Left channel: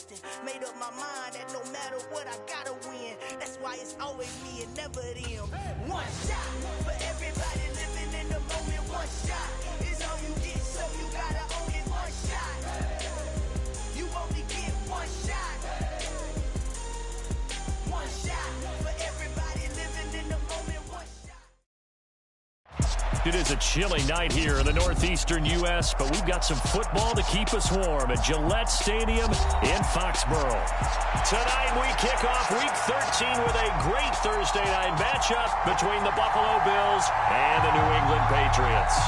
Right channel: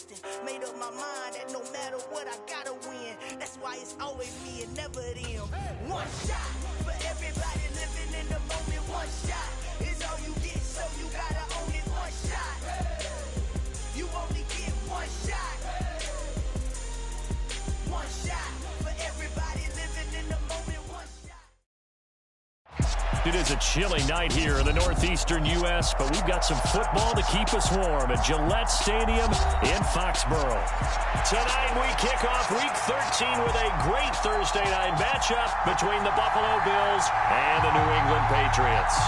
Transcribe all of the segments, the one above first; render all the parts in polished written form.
Houston. Made up my mind that no matter what, I gotta win. That's why it's always me and never them. One shot for everybody living in the moment. One shot is all you get, so you gotta own it. One shot. You only get one shot. One shot for everybody living in the moment. One shot. It is a chilly night here in the northeastern U.S., but we've got some football to keep us warm at Gillette Stadium in Foxborough. Tonight we kick off Week 13 with a great Thursday night matchup between the Buffalo Bills and the New England Patriots.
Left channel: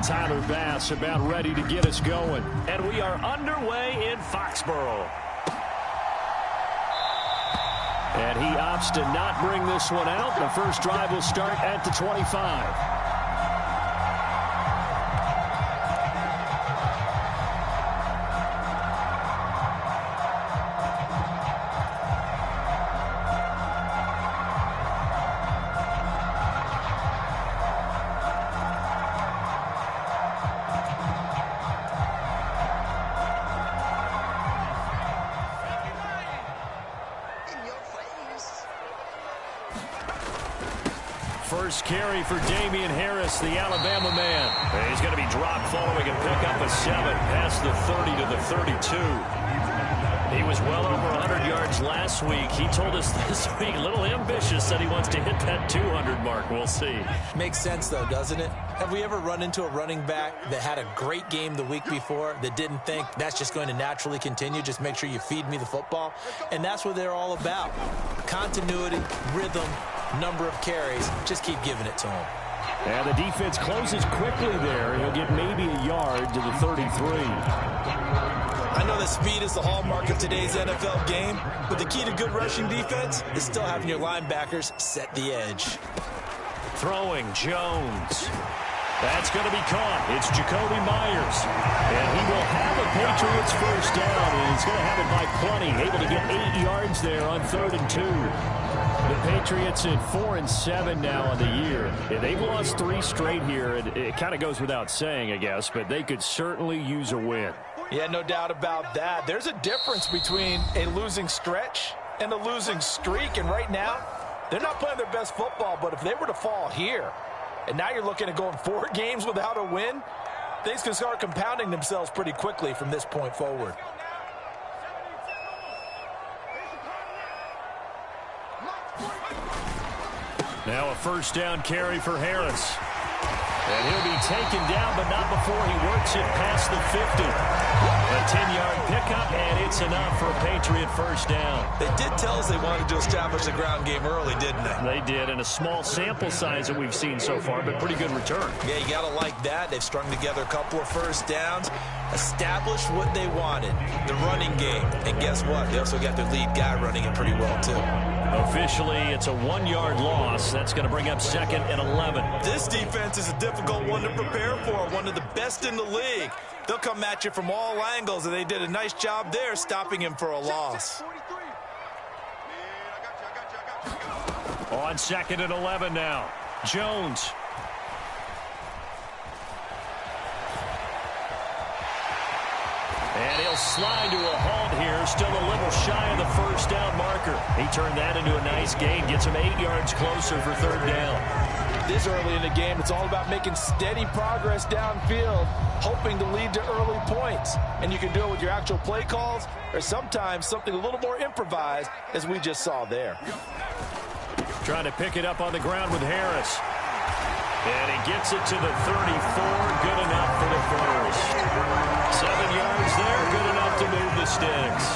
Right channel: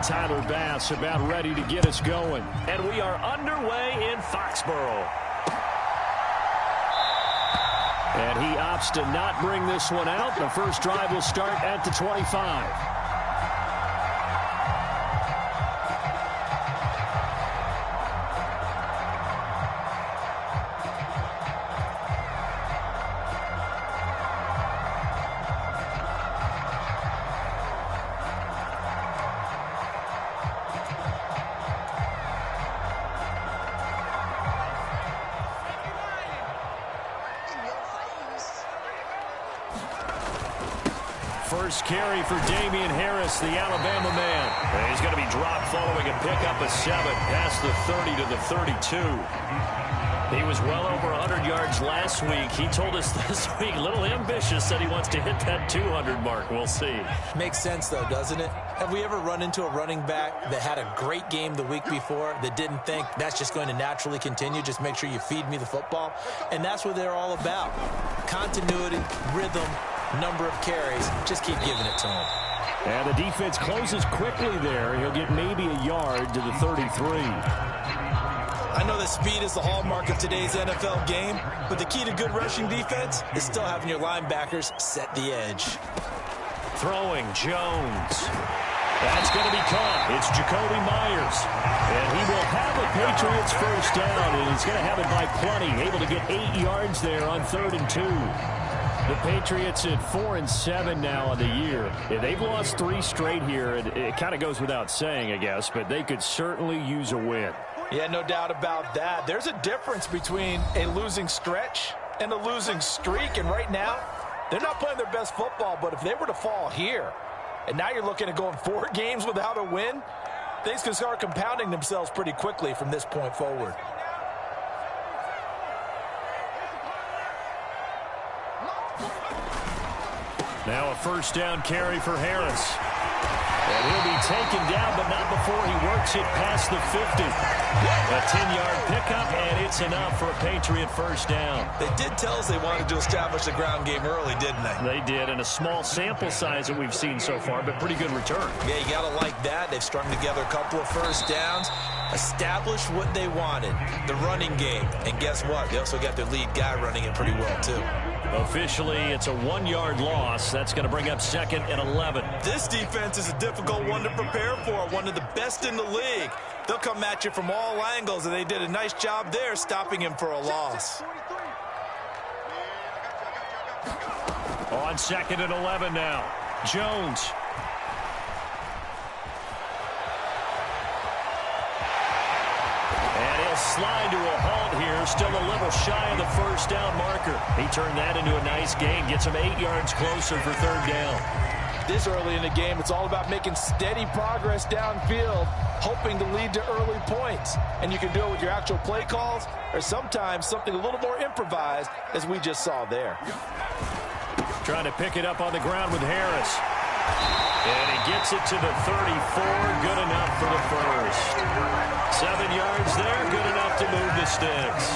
Tyler Bass about ready to get us going. And we are underway in Foxborough. And he opts to not bring this one out. The first drive will start at the 25. First carry for Damian Harris, the Alabama man. And he's going to be dropped following a pickup of 7 past the 30 to the 32. He was well over 100 yards last week. He told us this week, a little ambitious, said he wants to hit that 200 mark. We'll see. Makes sense, though, doesn't it? Have we ever run into a running back that had a great game the week before that didn't think that's just going to naturally continue? Just make sure you feed me the football. And that's what they're all about. Continuity, rhythm, number of carries. Just keep giving it to him. And the defense closes quickly there. He'll get maybe a yard to the 33. I know that speed is the hallmark of today's NFL game, but the key to good rushing defense is still having your linebackers set the edge. Throwing, Jones. That's going to be caught. It's Jacoby Myers. And he will have a Patriots first down, and he's going to have it by plenty. Able to get 8 yards there on 3rd and 2. The Patriots at 4-7 now on the year. Yeah, they've lost 3 straight here. It kind of goes without saying, I guess, but they could certainly use a win. Yeah, no doubt about that. There's a difference between a losing stretch and a losing streak, and right now, they're not playing their best football, but if they were to fall here, and now you're looking at going 4 games without a win, things can start compounding themselves pretty quickly from this point forward. Now a first down carry for Harris. And he'll be taken down, but not before he works it past the 50. A 10-yard pickup, and it's enough for a Patriot first down. They did tell us they wanted to establish the ground game early, didn't they? They did, and a small sample size that we've seen so far, but pretty good return. Yeah, you got to like that. They've strung together a couple of first downs, established what they wanted, the running game. And guess what? They also got their lead guy running it pretty well, too. Officially, it's a 1-yard loss. That's going to bring up 2nd and 11. This defense is a difficult one to prepare for, one of the best in the league. They'll come at you from all angles, and they did a nice job there stopping him for a loss. On 2nd and 11 now. Jones. And he'll slide to a halt here, still a little shy of the first down marker. He turned that into a nice gain, gets him 8 yards closer for 3rd down. This early in the game, it's all about making steady progress downfield, hoping to lead to early points. And you can do it with your actual play calls or sometimes something a little more improvised, as we just saw there. Trying to pick it up on the ground with Harris. And he gets it to the 34, good enough for the first. 7 yards there, good enough to move the sticks.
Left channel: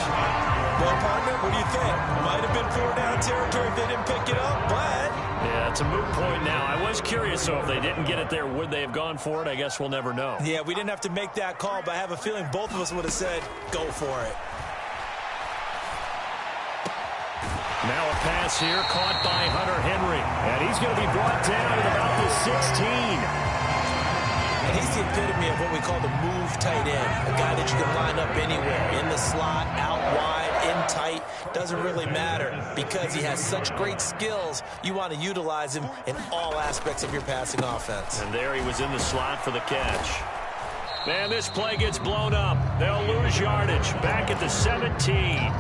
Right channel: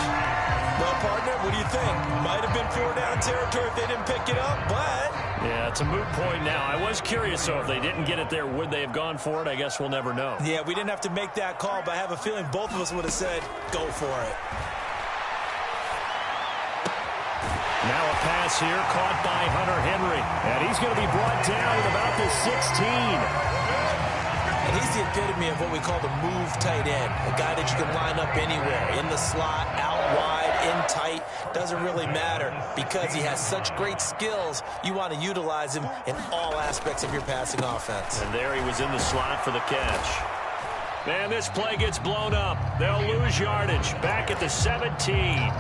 Well, partner, what do you think? Might have been 4-down territory if they didn't pick it up, but... Yeah, it's a moot point now. I was curious, so if they didn't get it there, would they have gone for it? I guess we'll never know. Yeah, we didn't have to make that call, but I have a feeling both of us would have said, go for it. Now a pass here, caught by Hunter Henry. And he's going to be brought down at about the 16. And he's the epitome of what we call the move tight end, a guy that you can line up anywhere, in the slot, out wide, in tight, doesn't really matter because he has such great skills. You want to utilize him in all aspects of your passing offense. And there he was in the slot for the catch. Man, this play gets blown up. They'll lose yardage. Back at the 17.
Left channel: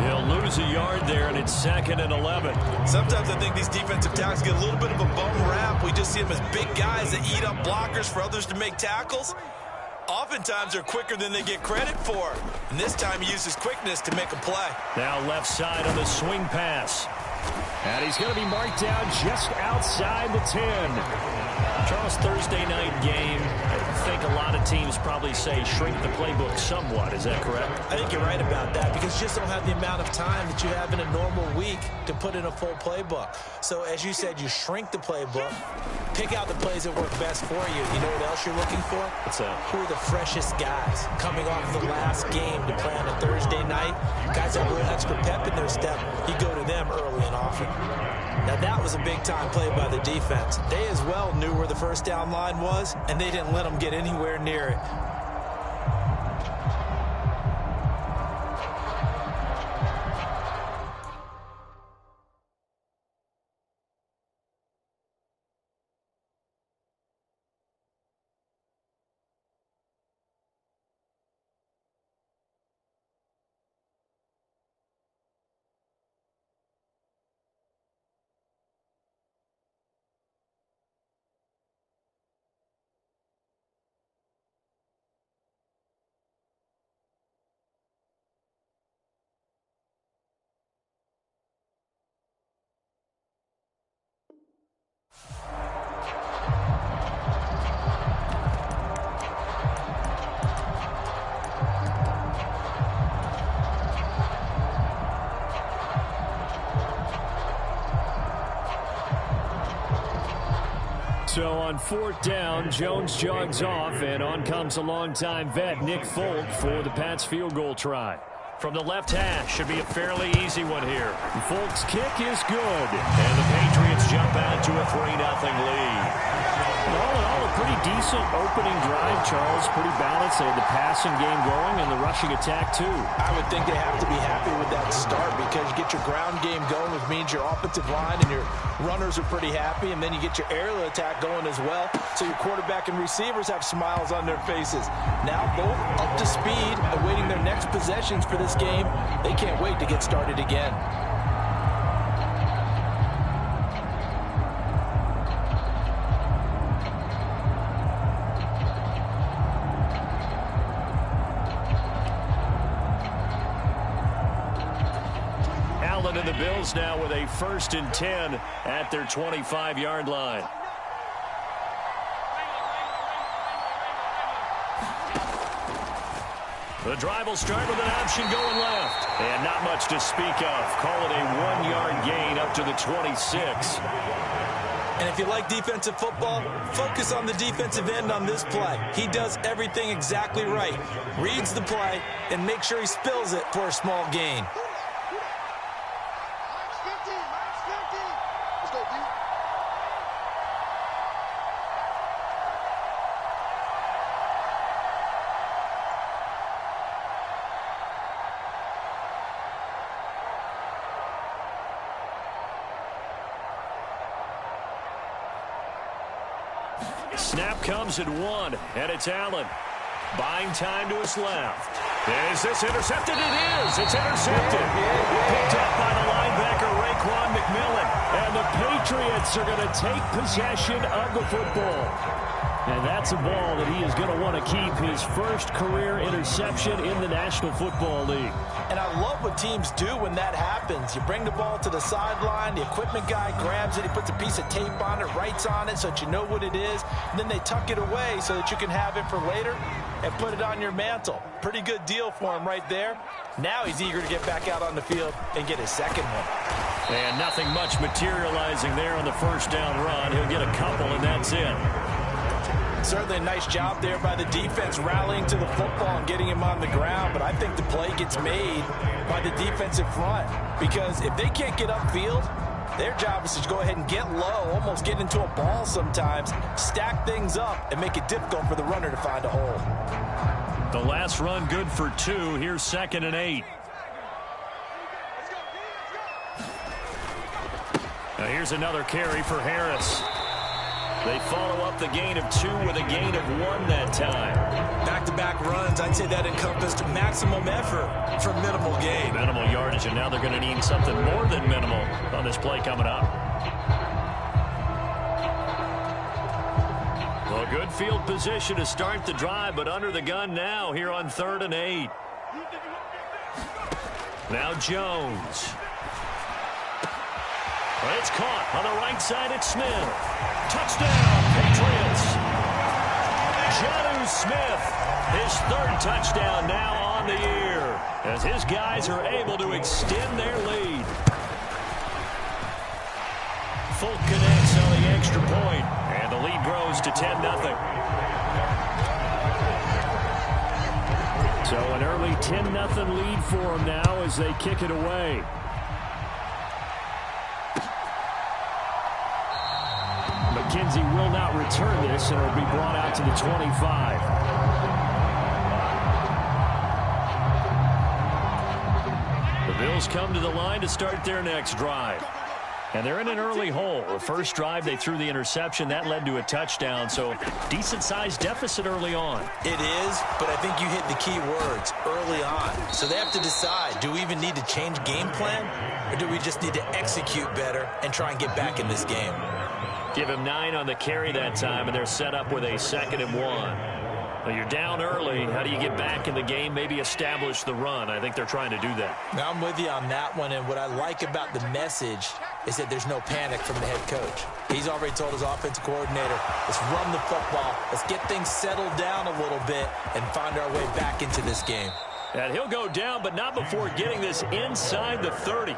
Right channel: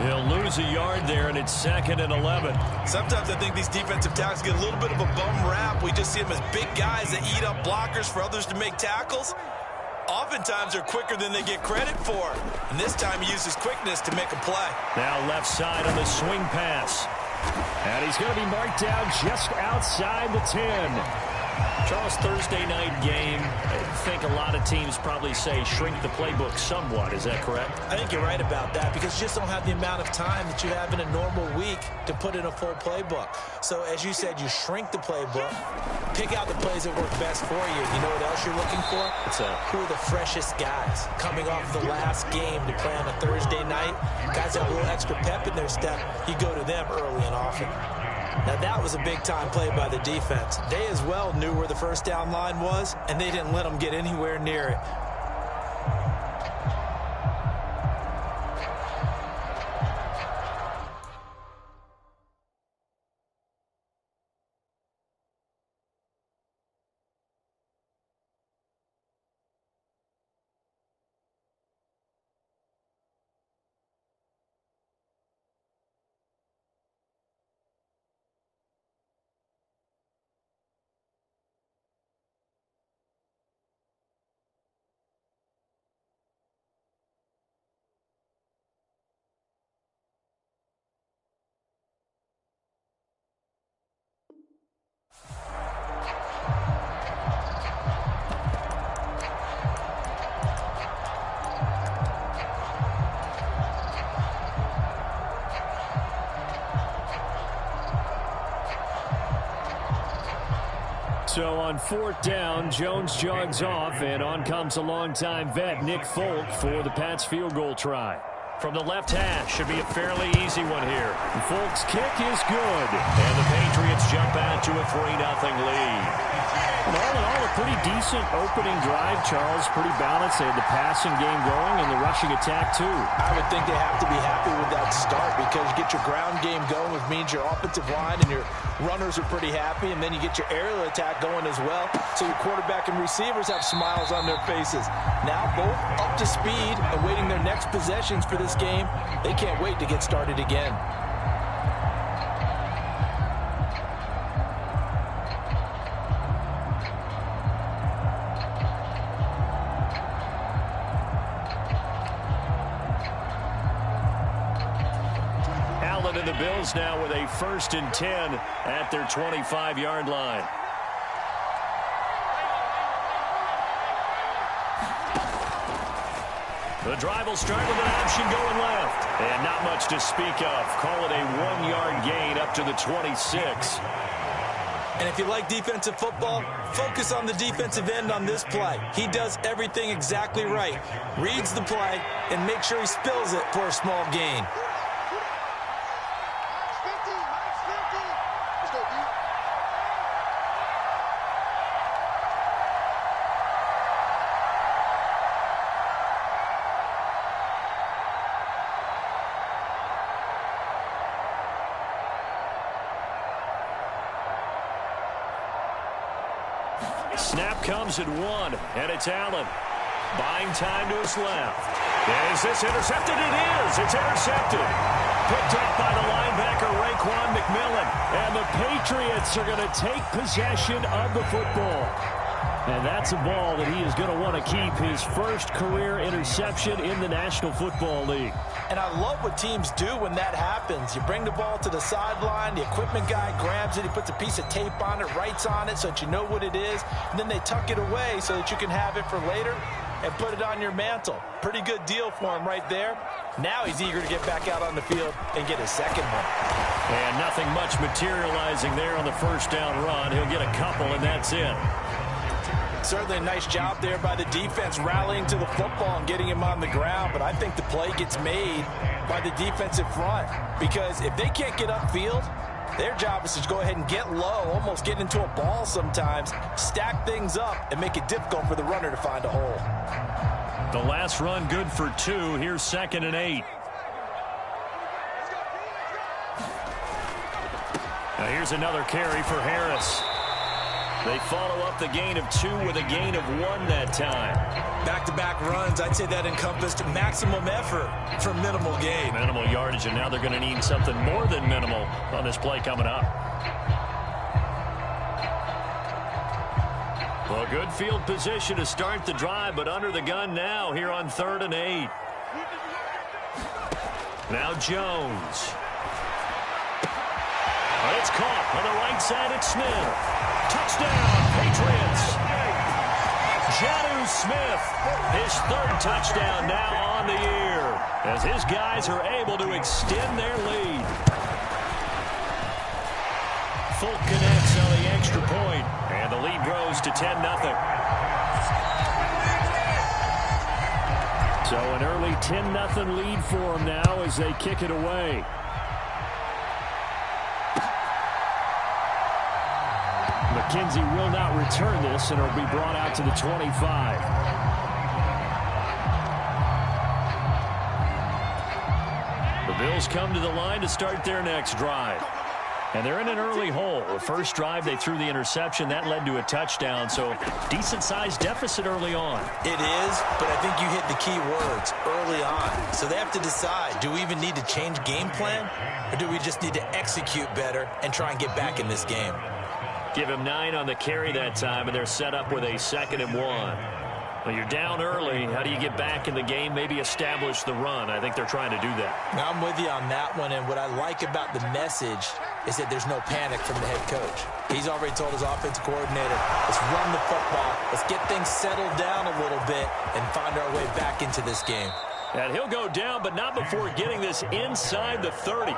They'll lose a yard there, and it's 2nd and 11. Sometimes I think these defensive tackles get a little bit of a bum rap. We just see them as big guys that eat up blockers for others to make tackles. Oftentimes they're quicker than they get credit for. And this time he uses quickness to make a play. Now left side on the swing pass. And he's going to be marked down just outside the 10. Charles, Thursday night game, I think a lot of teams probably say shrink the playbook somewhat. Is that correct? I think you're right about that because you just don't have the amount of time that you have in a normal week to put in a full playbook. So as you said, you shrink the playbook, pick out the plays that work best for you. You know what else you're looking for? What's that? Who are the freshest guys coming off the last game to play on a Thursday night? Guys have a little extra pep in their step. You go to them early and often. Now, that was a big-time play by the defense. They as well knew where the first down line was, and they didn't let them get anywhere near it. So on 4th down, Jones jogs off, and on comes a longtime vet, Nick Folk, for the Pats field goal try. From the left hash, should be a fairly easy one here. Folk's kick is good, and the Patriots jump out to a 3-0 lead. And all in all, a pretty decent opening drive, Charles. Pretty balanced. They had the passing game going and the rushing attack, too. I would think they have to be happy with that start because you get your ground game going, which means your offensive line and your runners are pretty happy, and then you get your aerial attack going as well. So your quarterback and receivers have smiles on their faces. Now both up to speed, awaiting their next possessions for this game. They can't wait to get started again. And the Bills now with a 1st and 10 at their 25-yard line. The drive will start with an option going left. And not much to speak of. Call it a 1-yard gain up to the 26. And if you like defensive football, focus on the defensive end on this play. He does everything exactly right. Reads the play and makes sure he spills it for a small gain. Snap comes at 1, and it's Allen. Buying time to his left. Is this intercepted? It is. It's intercepted. Picked up by the linebacker, Raekwon McMillan. And the Patriots are going to take possession of the football. And that's a ball that he is going to want to keep, his first career interception in the National Football League. And I love what teams do when that happens. You bring the ball to the sideline, the equipment guy grabs it, he puts a piece of tape on it, writes on it so that you know what it is, and then they tuck it away so that you can have it for later and put it on your mantle. Pretty good deal for him right there. Now he's eager to get back out on the field and get his second one. And nothing much materializing there on the first down run. He'll get a couple, and that's it. Certainly a nice job there by the defense rallying to the football and getting him on the ground, but I think the play gets made by the defensive front because if they can't get upfield, Their job is to go ahead and get low, almost get into a ball sometimes, stack things up, and make it difficult for the runner to find a hole. The last run good for 2. Here's 2nd and 8. Now here's another carry for Harris. They follow up the gain of 2 with a gain of 1 that time. Back-to-back runs, I'd say that encompassed maximum effort for minimal gain. Minimal yardage, and now they're going to need something more than minimal on this play coming up. Well, good field position to start the drive, but under the gun now here on 3rd and 8. Now Jones. It's caught on the right side at Smith. Touchdown, Patriots. Jonnu Smith, his 3rd touchdown now on the year, as his guys are able to extend their lead. Folk connects on the extra point, and the lead grows to 10-0. So an early 10-0 lead for them now as they kick it away. McKenzie will not return this, and it'll be brought out to the 25. The Bills come to the line to start their next drive. And they're in an early hole. The first drive, they threw the interception. That led to a touchdown, so decent-sized deficit early on. It is, but I think you hit the key words, early on. So they have to decide, do we even need to change game plan, or do we just need to execute better and try and get back in this game? Give him 9 on the carry that time, and they're set up with a 2nd and 1. Well, you're down early. How do you get back in the game? Maybe establish the run. I think they're trying to do that. Now, I'm with you on that one, and what I like about the message is that there's no panic from the head coach. He's already told his offensive coordinator, let's run the football, let's get things settled down a little bit and find our way back into this game. And he'll go down, but not before getting this inside the 30.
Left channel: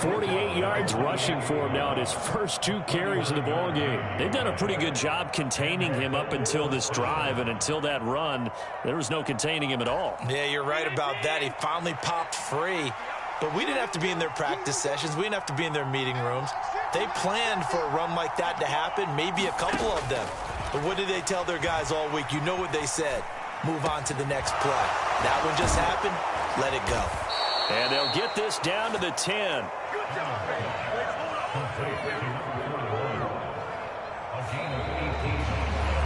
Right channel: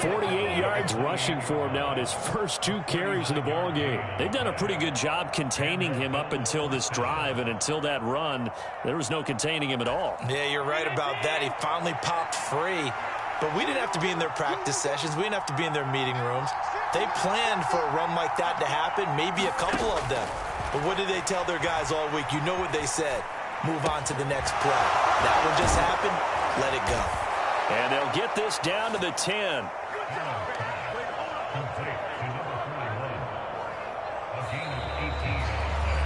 48 yards rushing for him now in his first 2 carries of the ball game. They've done a pretty good job containing him up until this drive, and until that run, there was no containing him at all. Yeah, you're right about that. He finally popped free, but we didn't have to be in their practice sessions. We didn't have to be in their meeting rooms. They planned for a run like that to happen, maybe a couple of them. But what did they tell their guys all week? You know what they said. Move on to the next play. That one just happened. Let it go. And they'll get this down to the 10.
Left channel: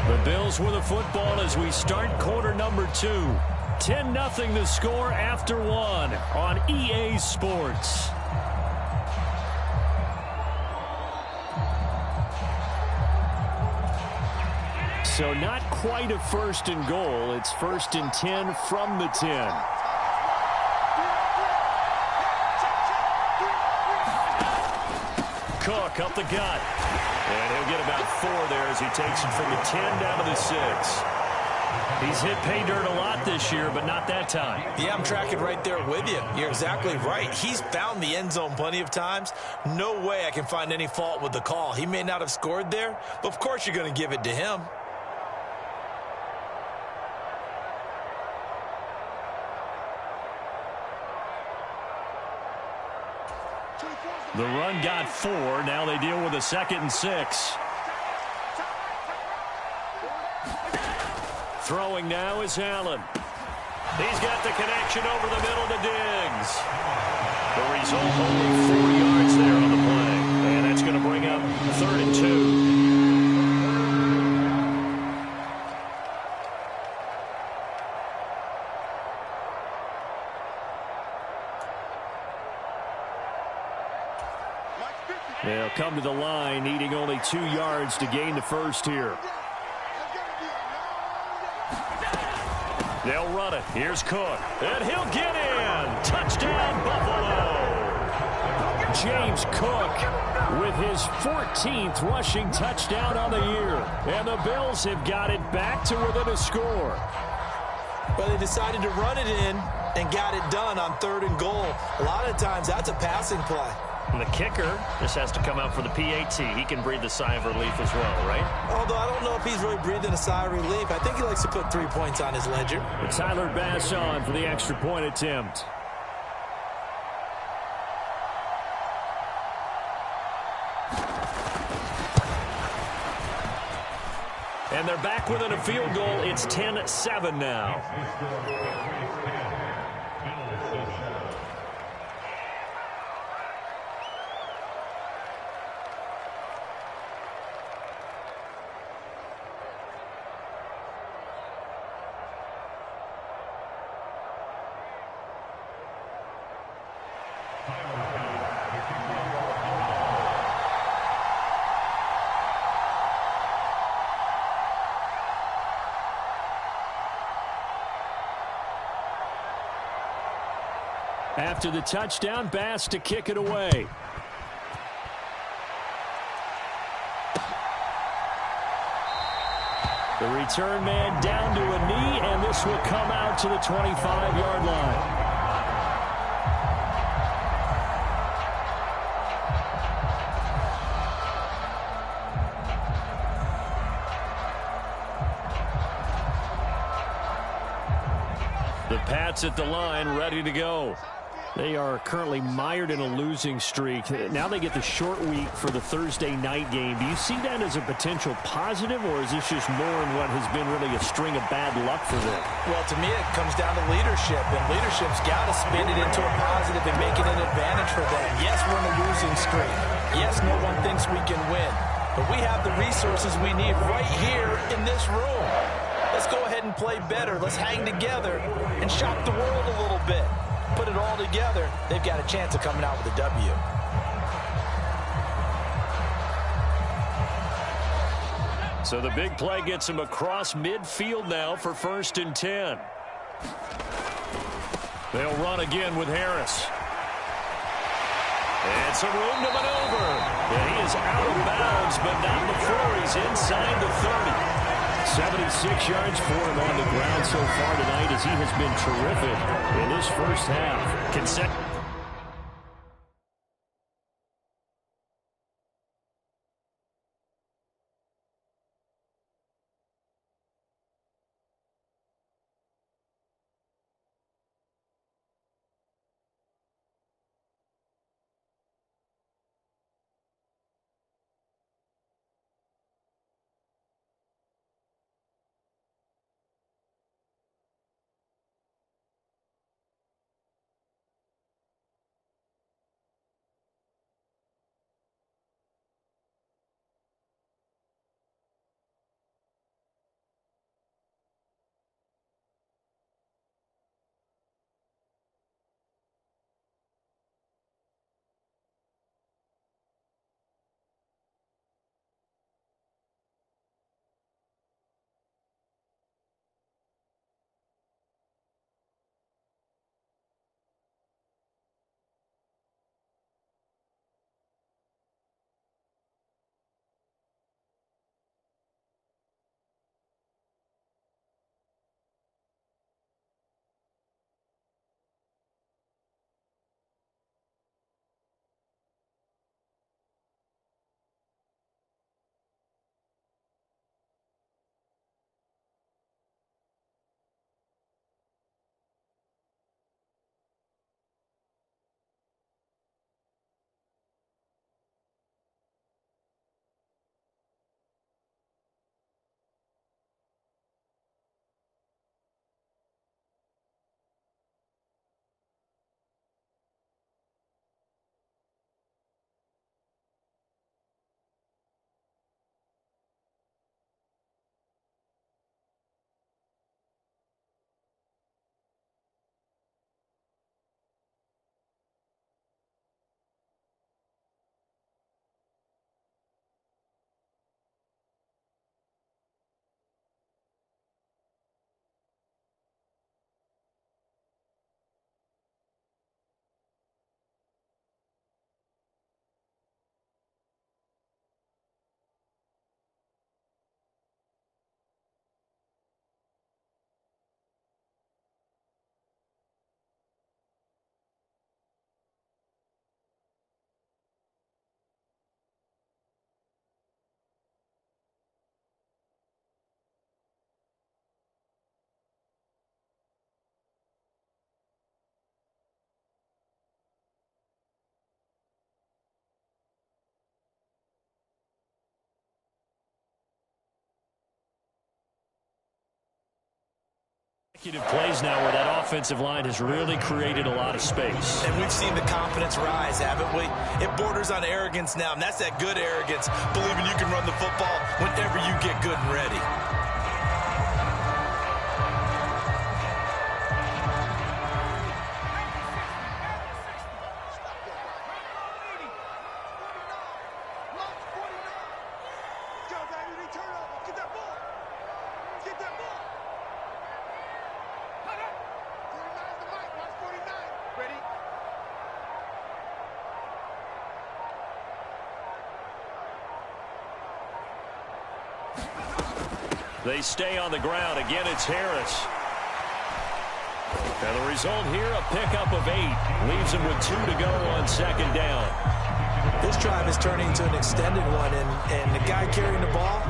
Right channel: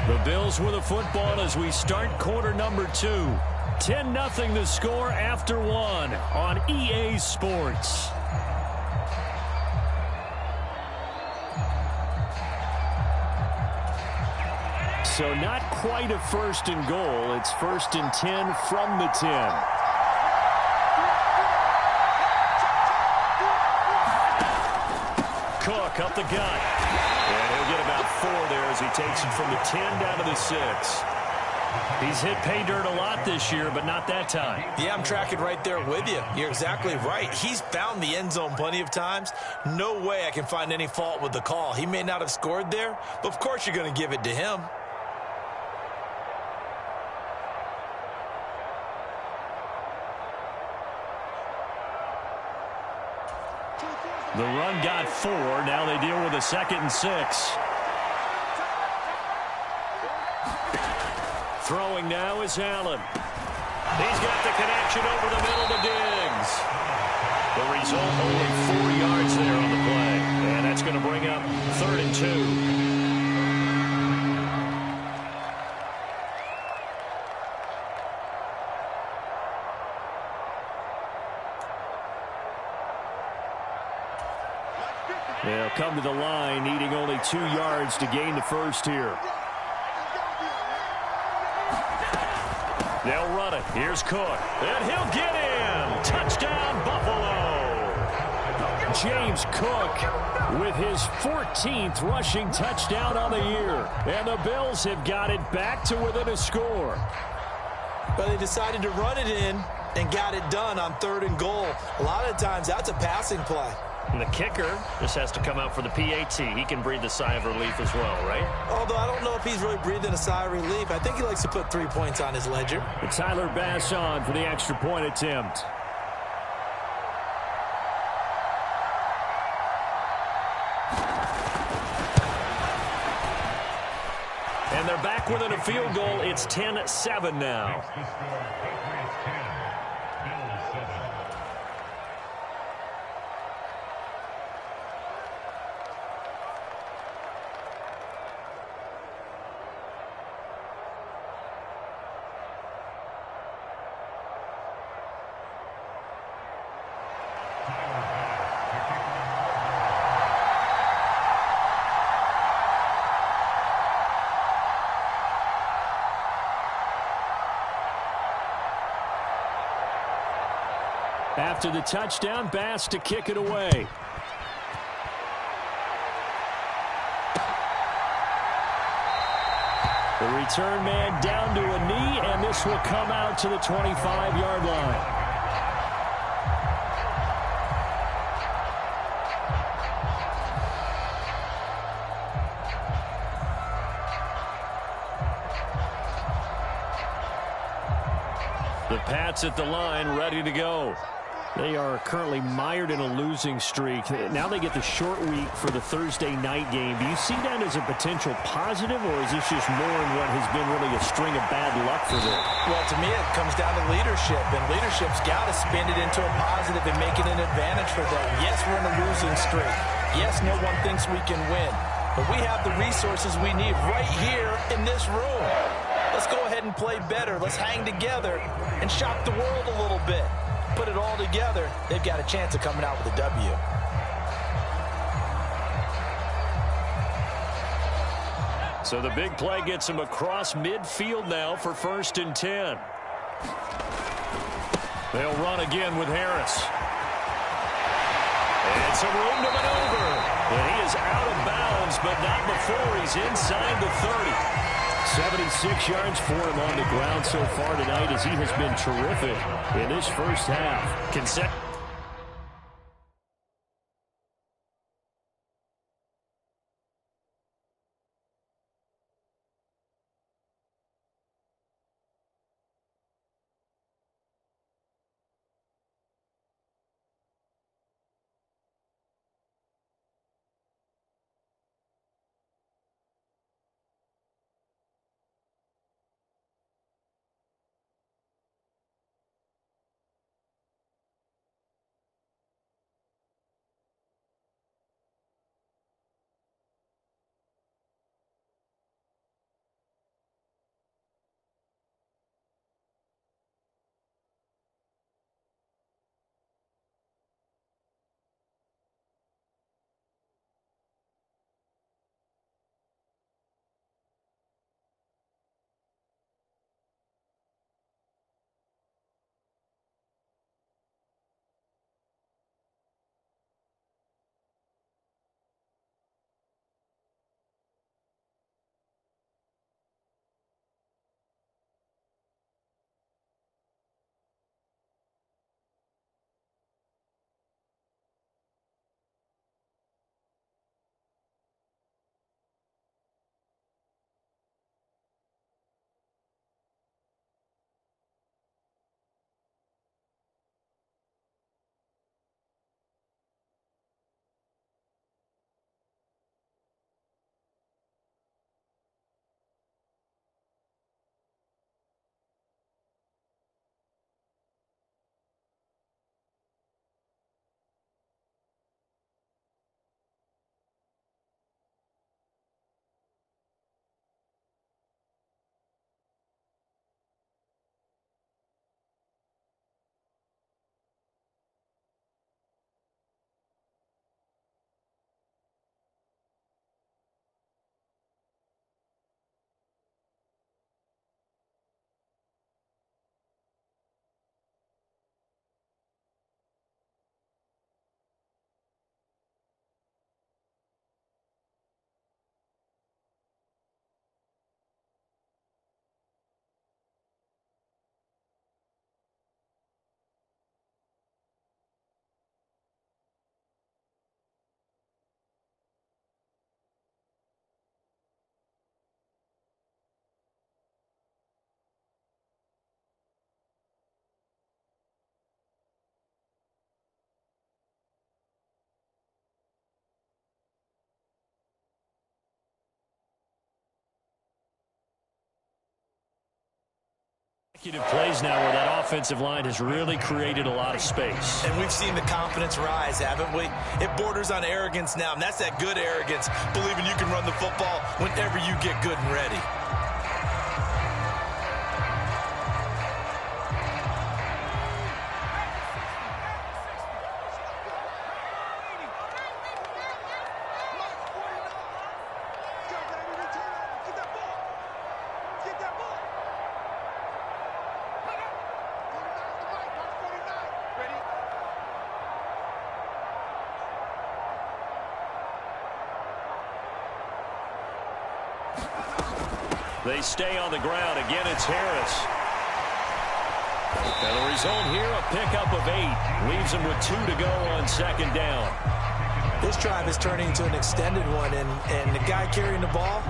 The Bills with the football as we start quarter number 2. 10-0 the score after 1 on EA Sports. So not quite a 1st and goal. It's 1st and 10 from the 10. Cook up the gut. And he'll get about 4 there as he takes it from the 10 down to the 6. He's hit pay dirt a lot this year, but not that time. Yeah, I'm tracking right there with you. You're exactly right. He's found the end zone plenty of times. No way I can find any fault with the call. He may not have scored there, but of course you're going to give it to him. The run got 4. Now they deal with a 2nd and 6. Throwing now is Allen. He's got the connection over the middle to Diggs. The result, only 4 yards there on the play. And that's going to bring up 3rd and 2. They'll come to the line, needing only 2 yards to gain the first here. They'll run it. Here's Cook. And he'll get in. Touchdown, Buffalo. James Cook with his 14th rushing touchdown on the year. And the Bills have got it back to within a score. But they decided to run it in and got it done on 3rd and goal. A lot of times that's a passing play. And the kicker just has to come out for the PAT. He can breathe a sigh of relief as well, right? Although I don't know if he's really breathing a sigh of relief. I think he likes to put 3 points on his ledger. But Tyler Bass on for the extra point attempt. And they're back within a field goal. It's 10-7 now. After the touchdown, Bass to kick it away. The return man down to a knee, and this will come out to the 25-yard line. The Pats at the line, ready to go. They are currently mired in a losing streak. Now they get the short week for the Thursday night game. Do you see that as a potential positive, or is this just more in what has been really a string of bad luck for them? Well, to me, it comes down to leadership, and leadership's got to spin it into a positive and make it an advantage for them. Yes, we're in a losing streak. Yes, no one thinks we can win, but we have the resources we need right here in this room. Let's go ahead and play better. Let's hang together and shock the world a little bit. Put it all together, they've got a chance of coming out with a W. So the big play gets him across midfield now for 1st and 10. They'll run again with Harris. It's a room to maneuver. And he is out of bounds, but not before he's inside the 30. 76 yards for him on the ground so far tonight, as he has been terrific in this first half. Plays now where that offensive line has really created a lot of space. And we've seen the confidence rise, haven't we? It borders on arrogance now, and that's that good arrogance, believing you can run the football whenever you get good and ready. They stay on the ground. Again, it's Harris. And the result here, a pickup of 8. Leaves him with 2 to go on second down. This drive is turning into an extended one, and the guy carrying the ball,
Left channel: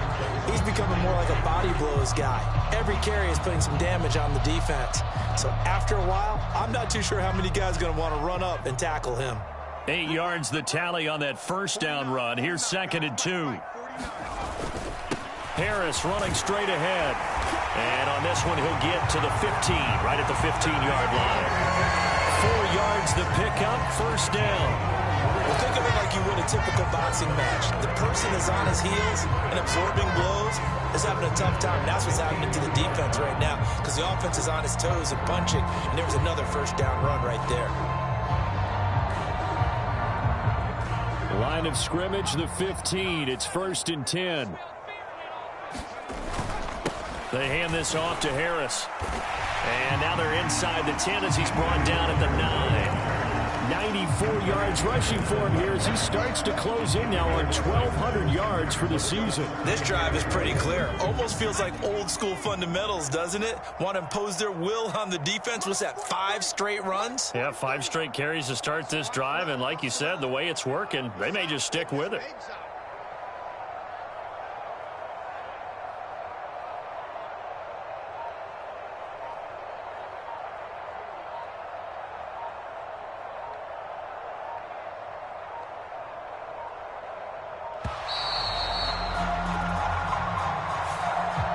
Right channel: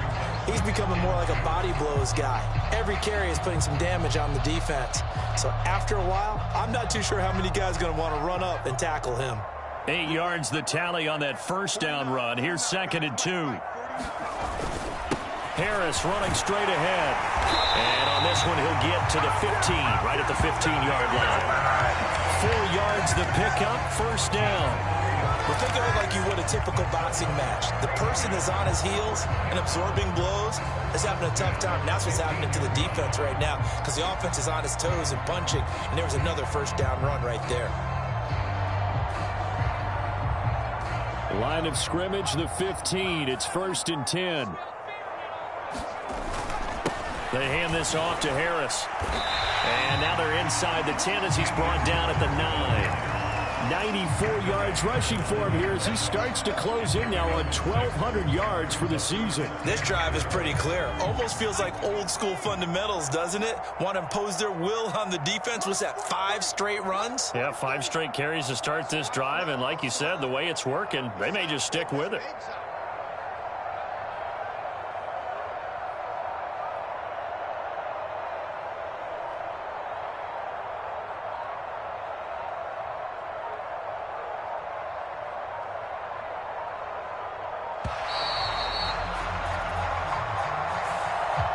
he's becoming more like a body blows guy. Every carry is putting some damage on the defense. So after a while, I'm not too sure how many guys are going to want to run up and tackle him. 8 yards the tally on that first down run. Here's 2nd and 2. Harris running straight ahead. And on this one, he'll get to the 15, right at the 15-yard line. 4 yards the pickup, first down. Well, think of it like you would a typical boxing match. The person that's on his heels and absorbing blows is having a tough time. And that's what's happening to the defense right now, because the offense is on his toes and punching, and there was another first down run right there. Line of scrimmage, the 15. It's 1st and 10. They hand this off to Harris. And now they're inside the 10 as he's brought down at the 9. 94 yards rushing for him here as he starts to close in now on 1,200 yards for the season. This drive is pretty clear. Almost feels like old school fundamentals, doesn't it? Want to impose their will on the defense. What's that, 5 straight runs? Yeah, 5 straight carries to start this drive. And like you said, the way it's working, they may just stick with it.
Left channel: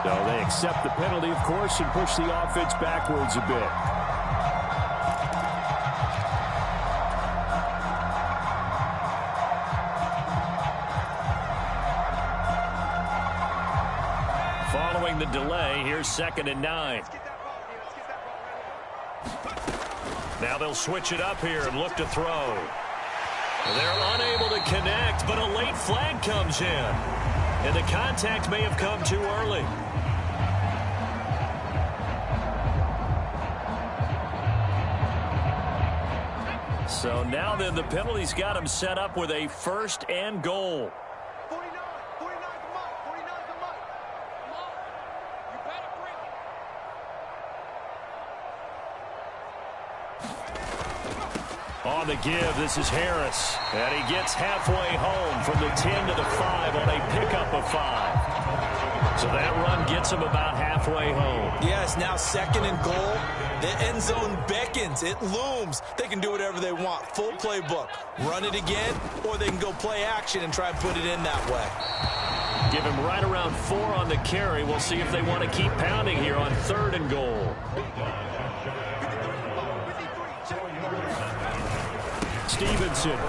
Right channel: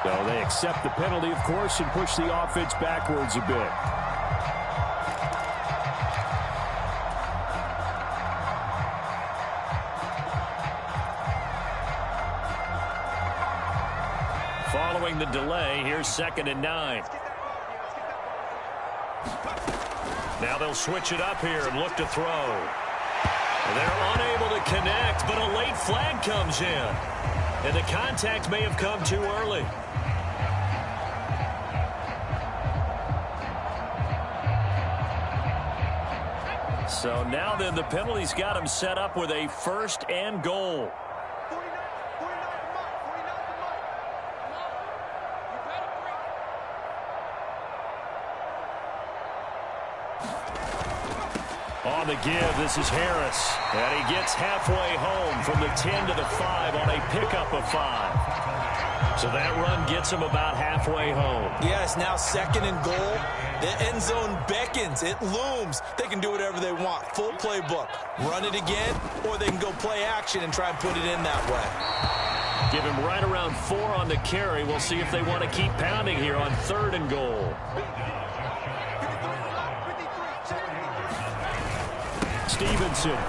So they accept the penalty, of course, and push the offense backwards a bit. Following the delay, here's 2nd and 9. Now they'll switch it up here and look to throw. They're unable to connect, but a late flag comes in. And the contact may have come too early. So now then the penalty's got him set up with a 1st and goal. 49 the mic. 49 the mic. Come on. You better bring it. On the give, this is Harris. And he gets halfway home from the 10 to the 5 on a pickup of 5. So that run gets him about halfway home. Yes, now 2nd and goal. The end zone beckons. It looms. They can do whatever they want. Full playbook. Run it again, or they can go play action and try and put it in that way. Give him right around 4 on the carry. We'll see if they want to keep pounding here on 3rd and goal. Stevenson.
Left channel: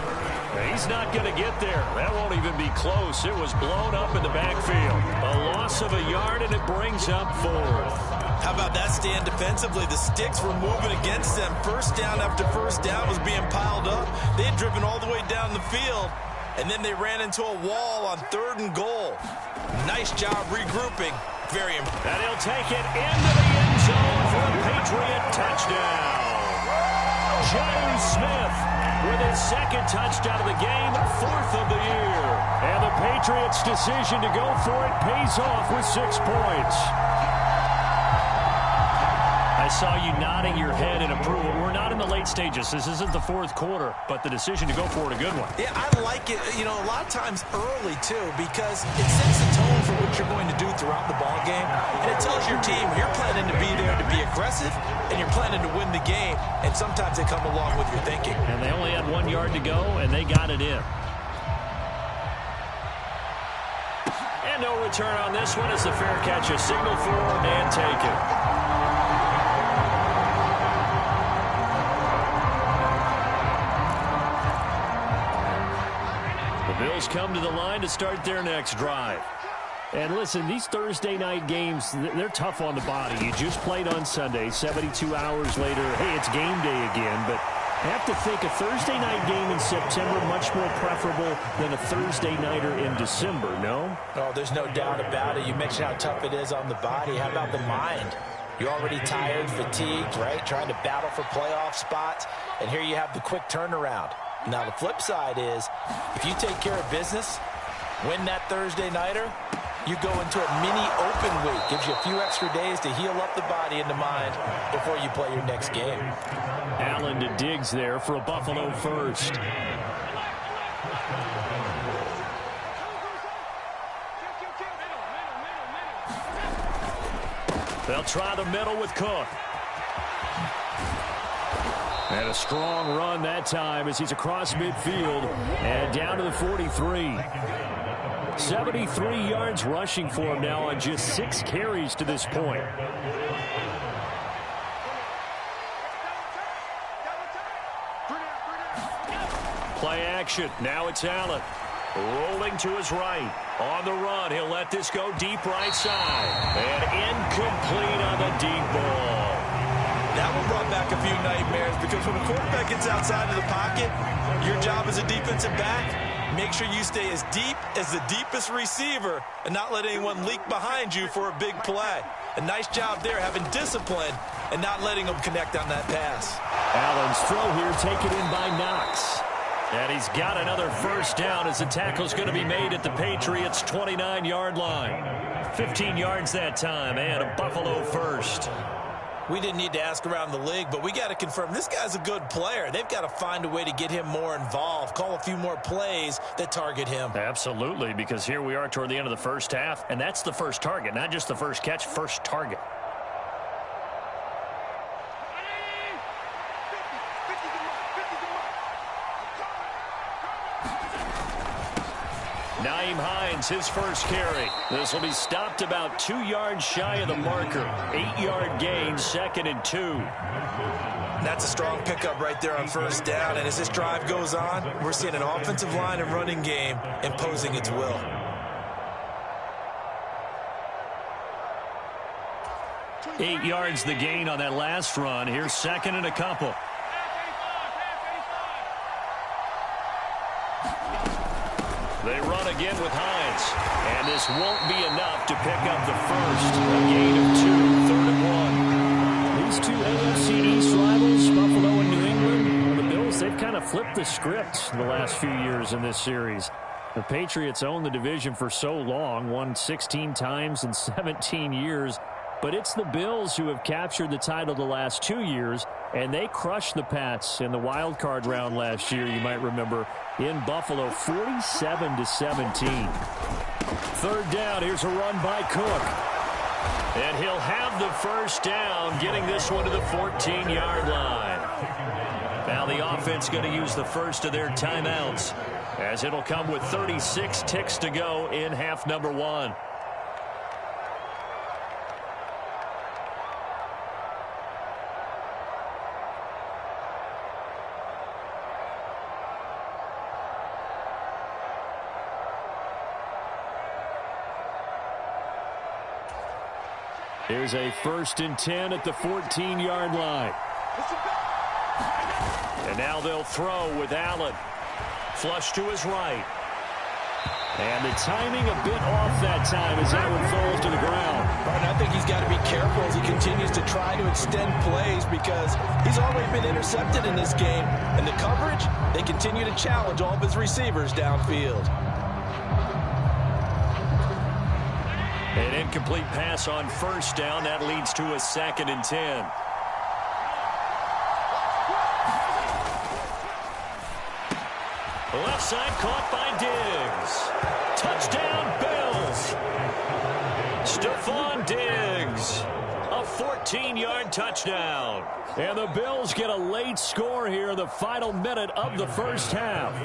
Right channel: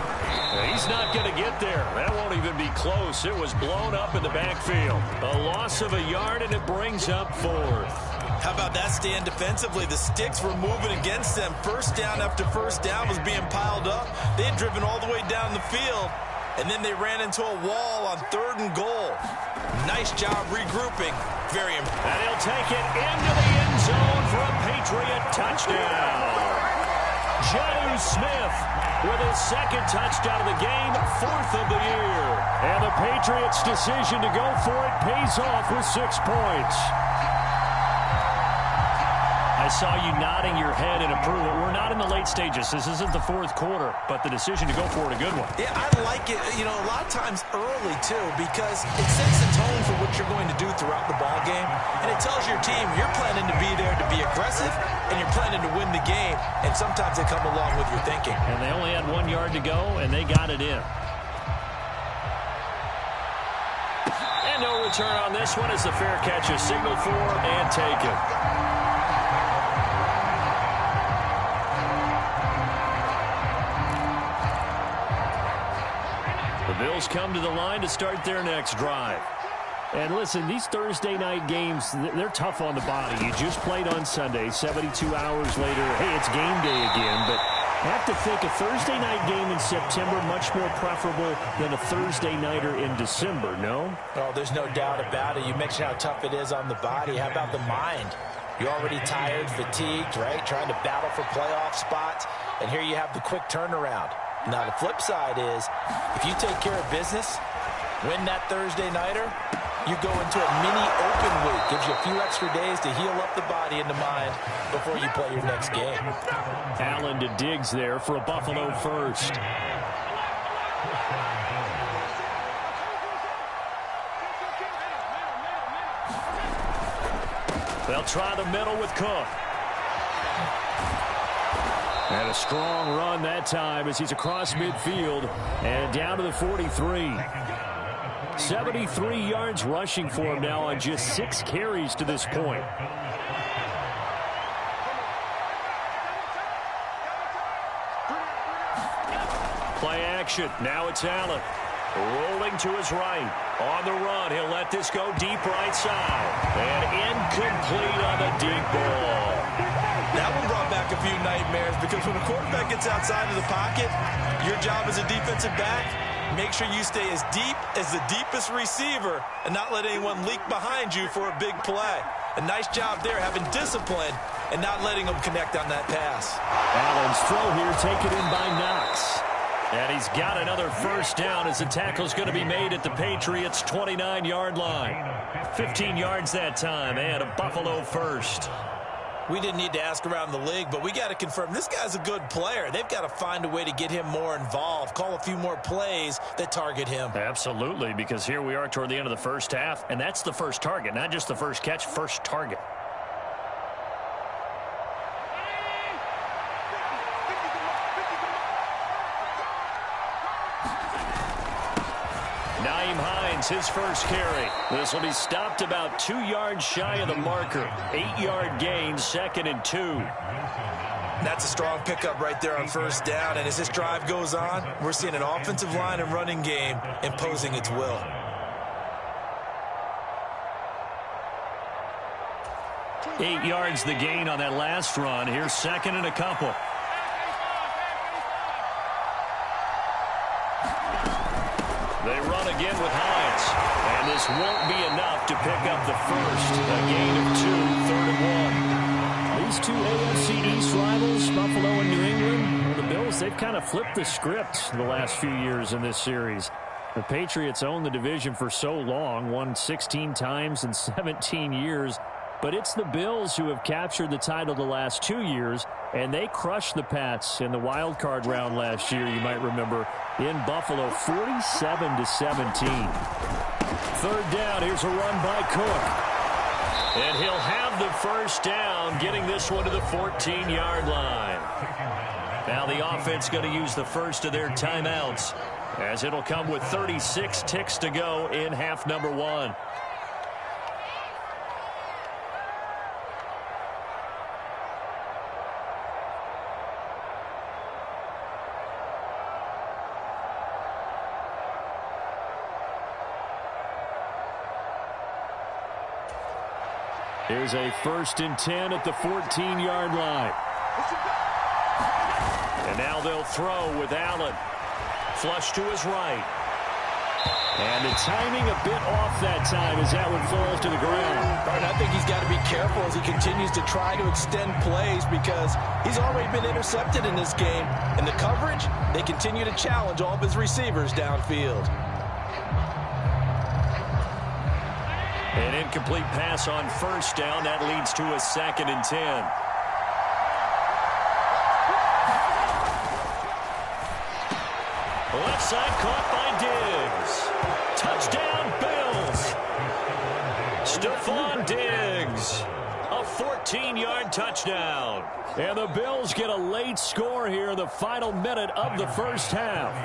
He's not going to get there. That won't even be close. It was blown up in the backfield. A loss of a yard, and it brings up 4th. How about that stand defensively? The sticks were moving against them. First down after first down was being piled up. They had driven all the way down the field, and then they ran into a wall on 3rd and goal. Nice job regrouping. Very impressive. And he'll take it into the end zone for a Patriot touchdown. Jonnu Smith with his 2nd touchdown of the game, 4th of the year. And the Patriots' decision to go for it pays off with 6 points. I saw you nodding your head in approval. We're not in the late stages. This isn't the 4th quarter, but the decision to go for it, a good one. Yeah, I like it, you know, a lot of times early, too, because it sets the tone for what you're going to do throughout the ball game. And it tells your team you're planning to be there to be aggressive, and you're planning to win the game. And sometimes they come along with your thinking. And they only had 1 yard to go, and they got it in. And no return on this one as the fair catch is signaled for and taken. Bills come to the line to start their next drive. And listen, these Thursday night games, they're tough on the body. You just played on Sunday, 72 hours later, hey, it's game day again. But I have to think a Thursday night game in September much more preferable than a Thursday nighter in December, no? Oh, there's no doubt about it. You mentioned how tough it is on the body. How about the mind? You're already tired, fatigued, right? Trying to battle for playoff spots. And here you have the quick turnaround. Now, the flip side is, if you take care of business, win that Thursday nighter, you go into a mini open week. Gives you a few extra days to heal up the body and the mind before you play your next game. Allen to Diggs there for a Buffalo first. They'll try the middle with Cook. And a strong run that time as he's across midfield and down to the 43. 73 yards rushing for him now on just 6 carries to this point. Play action. Now it's Allen. Rolling to his right. On the run. He'll let this go deep right side. And incomplete on the deep ball. That one brought back a few nightmares because when a quarterback gets outside of the pocket, your job as a defensive back, make sure you stay as deep as the deepest receiver and not let anyone leak behind you for a big play. A nice job there having discipline and not letting them connect on that pass. Allen's throw here taken in by Knox. And he's got another first down as the tackle's going to be made at the Patriots' 29-yard line. 15 yards that time and a Buffalo first. We didn't need to ask around the league, but we got to confirm this guy's a good player. They've got to find a way to get him more involved, call a few more plays that target him. Absolutely, because here we are toward the end of the first half, and that's the first target, not just the first catch, first target. Nyheim Hines, his first carry. This will be stopped about 2 yards shy of the marker. 8-yard gain, 2nd and 2. That's a strong pickup right there on first down. And as this drive goes on, we're seeing an offensive line and running game imposing its will. Eight yards the gain on that last run. Here's 2nd and a couple. They run again with Hines. And this won't be enough to pick up the first. A gain of 2, 3rd and 1. These two AFC East rivals, Buffalo and New England, well, the Bills, they've kind of flipped the script the last few years in this series. The Patriots owned the division for so long, won 16 times in 17 years. But it's the Bills who have captured the title the last 2 years, and they crushed the Pats in the wild card round last year, you might remember, in Buffalo, 47-17. 3rd down, here's a run by Cook. And he'll have the first down, getting this one to the 14-yard line. Now the offense going to use the first of their timeouts, as it'll come with 36 ticks to go in half number 1. Here's a 1st and 10 at the 14-yard line. And now they'll throw with Allen. Flush to his right. And the timing a bit off that time as that one falls to the ground. Right, I think he's got to be careful as he continues to try to extend plays because he's already been intercepted in this game. And the coverage, they continue to challenge all of his receivers downfield. An incomplete pass on first down. That leads to a 2nd and 10. Left side caught by Diggs. Touchdown, Bills. Stephon Diggs. A 14-yard touchdown. And the Bills get a late score here in the final minute of the first half.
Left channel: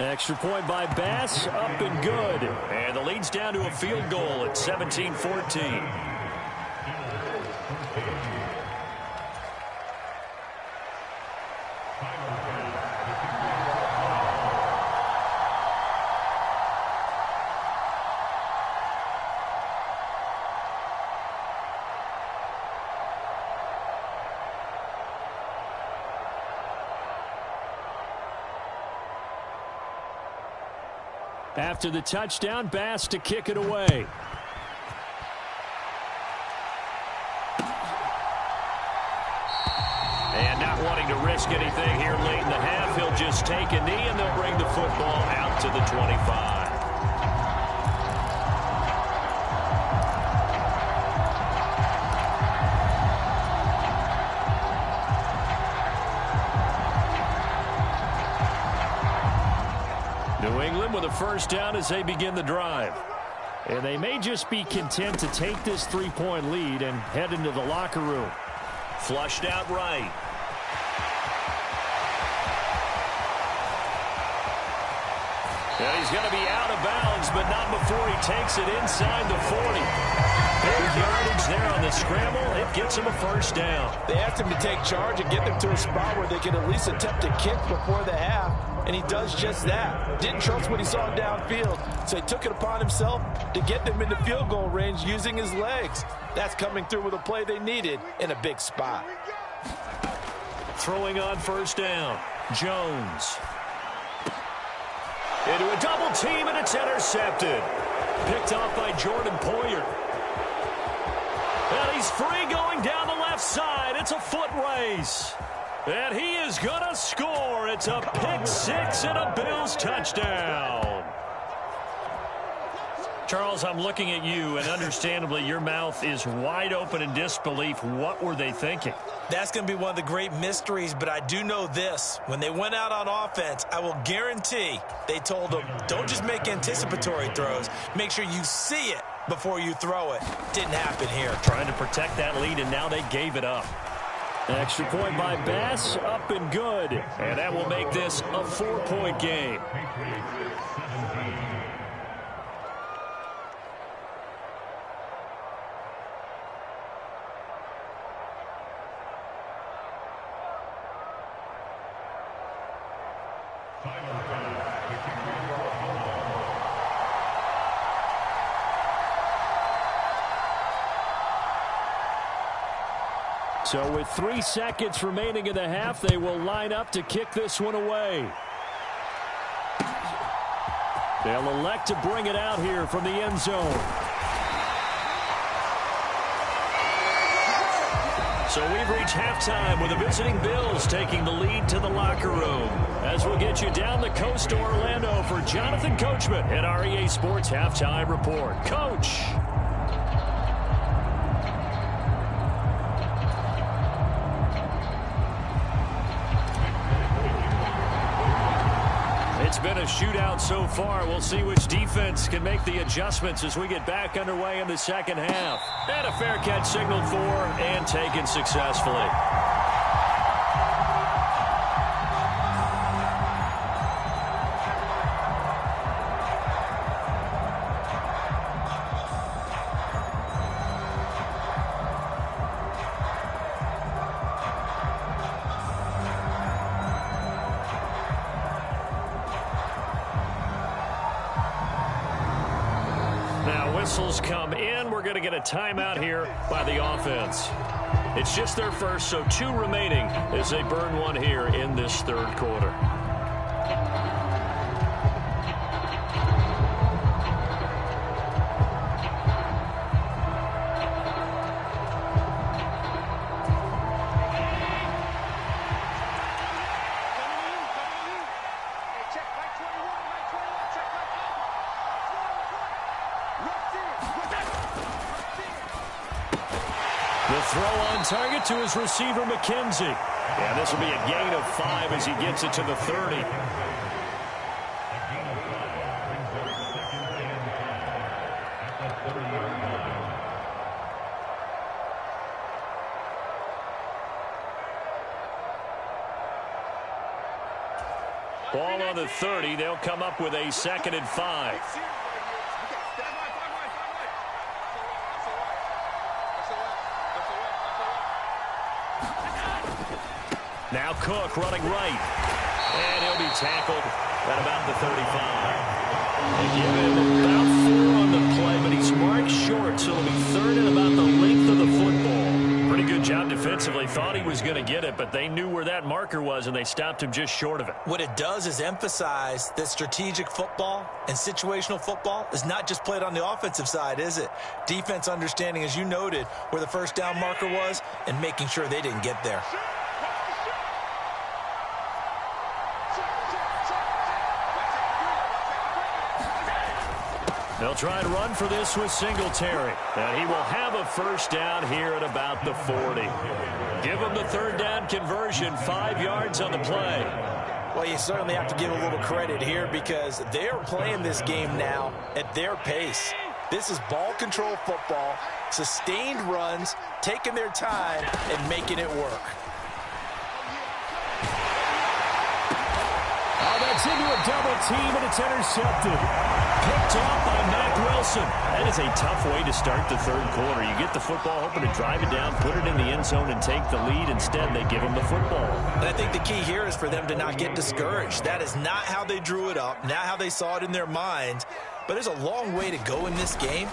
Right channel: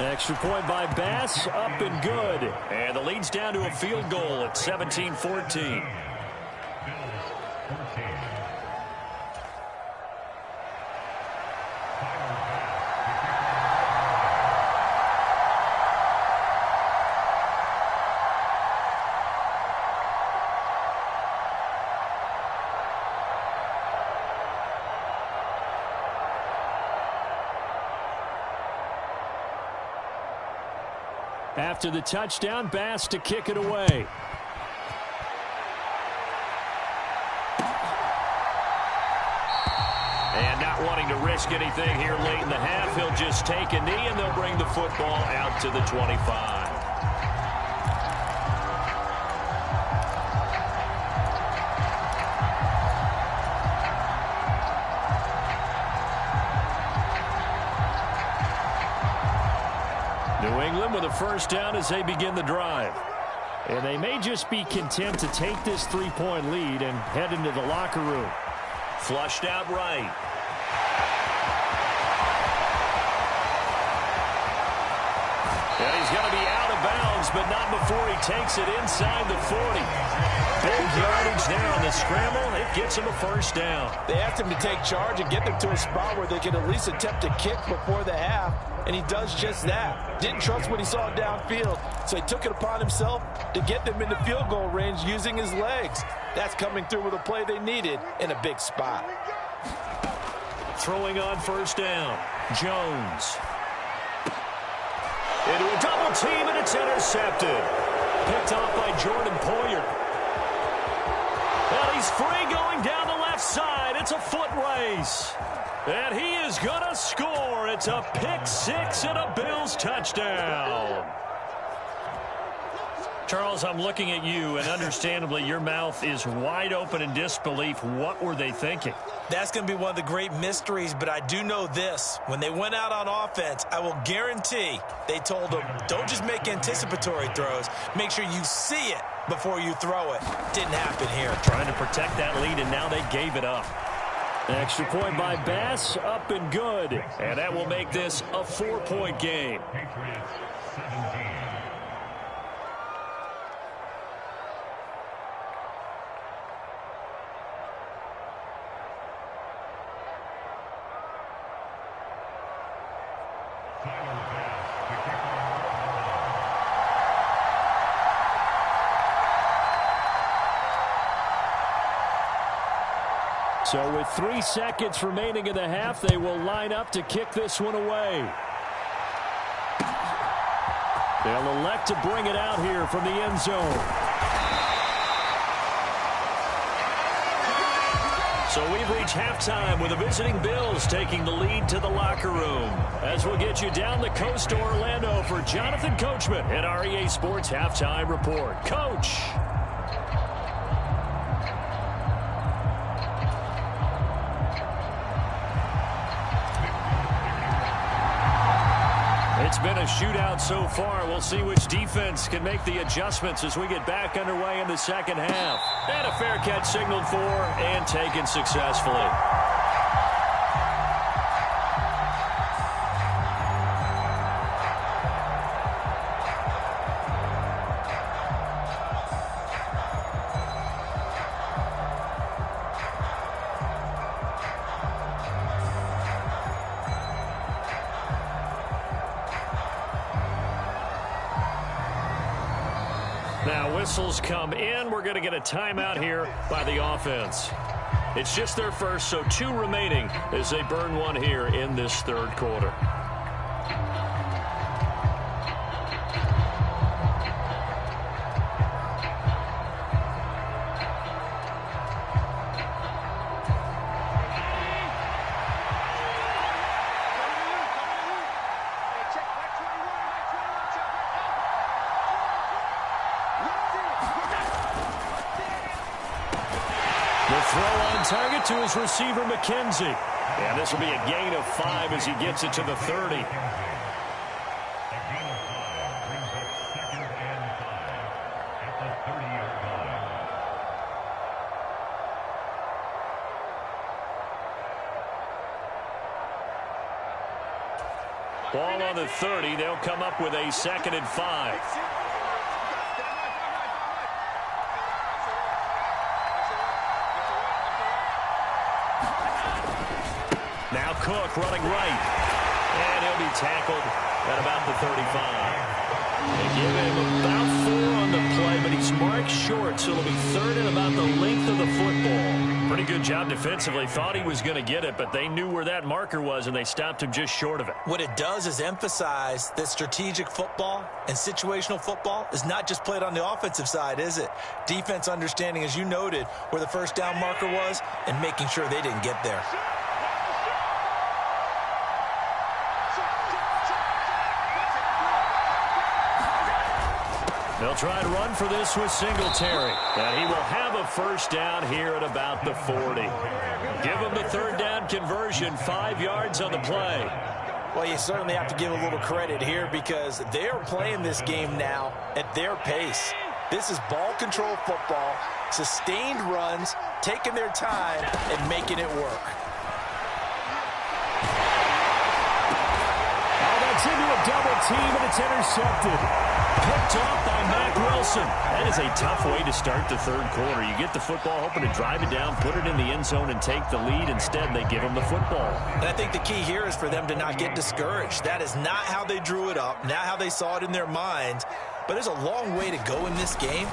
Extra point by Bass, up and good. And the lead's down to a field goal at 17-14. After the touchdown, Bass to kick it away. And not wanting to risk anything here late in the half, he'll just take a knee, and they'll bring the football out to the 25. New England with a first down as they begin the drive. And they may just be content to take this 3-point lead and head into the locker room. Flushed out right. And he's going to be out of bounds, but not before he takes it inside the 40. Big yardage there on the scramble. It gets him a first down. They asked him to take charge and get them to a spot where they could at least attempt to kick before the half, and he does just that. Didn't trust what he saw downfield, so he took it upon himself to get them into field goal range using his legs. That's coming through with a play they needed in a big spot. Throwing on first down, Jones. Into a double team, and it's intercepted. Picked off by Jordan Poyer. And he's free going down the left side. It's a foot race. And he is going to score. It's a pick six and a Bills touchdown. Charles, I'm looking at you, and understandably, your mouth is wide open in disbelief. What were they thinking? That's going to be one of the great mysteries, but I do know this. When they went out on offense, I will guarantee they told them, don't just make anticipatory throws. Make sure you see it before you throw it. Didn't happen here. Trying to protect that lead, and now they gave it up. Extra point by Bass, up and good. And that will make this a 4-point game. So with 3 seconds remaining in the half, they will line up to kick this one away. They'll elect to bring it out here from the end zone. So we've reached halftime with the visiting Bills taking the lead to the locker room. As we'll get you down the coast to Orlando for Jonathan Coachman at our EA Sports Halftime Report. Coach. It's been a shootout so far. We'll see which defense can make the adjustments as we get back underway in the second half. And a fair catch signaled for and taken successfully. Now whistles come in. We're going to get a timeout here by the offense. It's just their first, so 2 remaining as they burn one here in this third quarter. The throw on target to his receiver, McKenzie. And this will be a gain of 5 as he gets it to the 30. Ball on the 30. They'll come up with a 2nd and 5. Now Cook running right. And he'll be tackled at about the 35. They give him about 4 on the play, but he's marked short, so it'll be 3rd and about the length of the football. Pretty good job defensively. Thought he was going to get it, but they knew where that marker was, and they stopped him just short of it. What it does is emphasize that strategic football and situational football is not just played on the offensive side, is it? Defense understanding, as you noted, where the first down marker was and making sure they didn't get there. They'll try to run for this with Singletary. And he will have a first down here at about the 40. Give him the 3rd down conversion, 5 yards on the play. Well, you certainly have to give a little credit here because they're playing this game now at their pace. This is ball control football, sustained runs, taking their time and making it work. Oh, that's into a double team, and it's intercepted. Picked off by Mack Wilson. That is a tough way to start the 3rd quarter. You get the football, hoping to drive it down, put it in the end zone, and take the lead. Instead, they give them the football. And I think the key here is for them to not get discouraged. That is not how they drew it up, not how they saw it in their minds. But there's a long way to go in this game.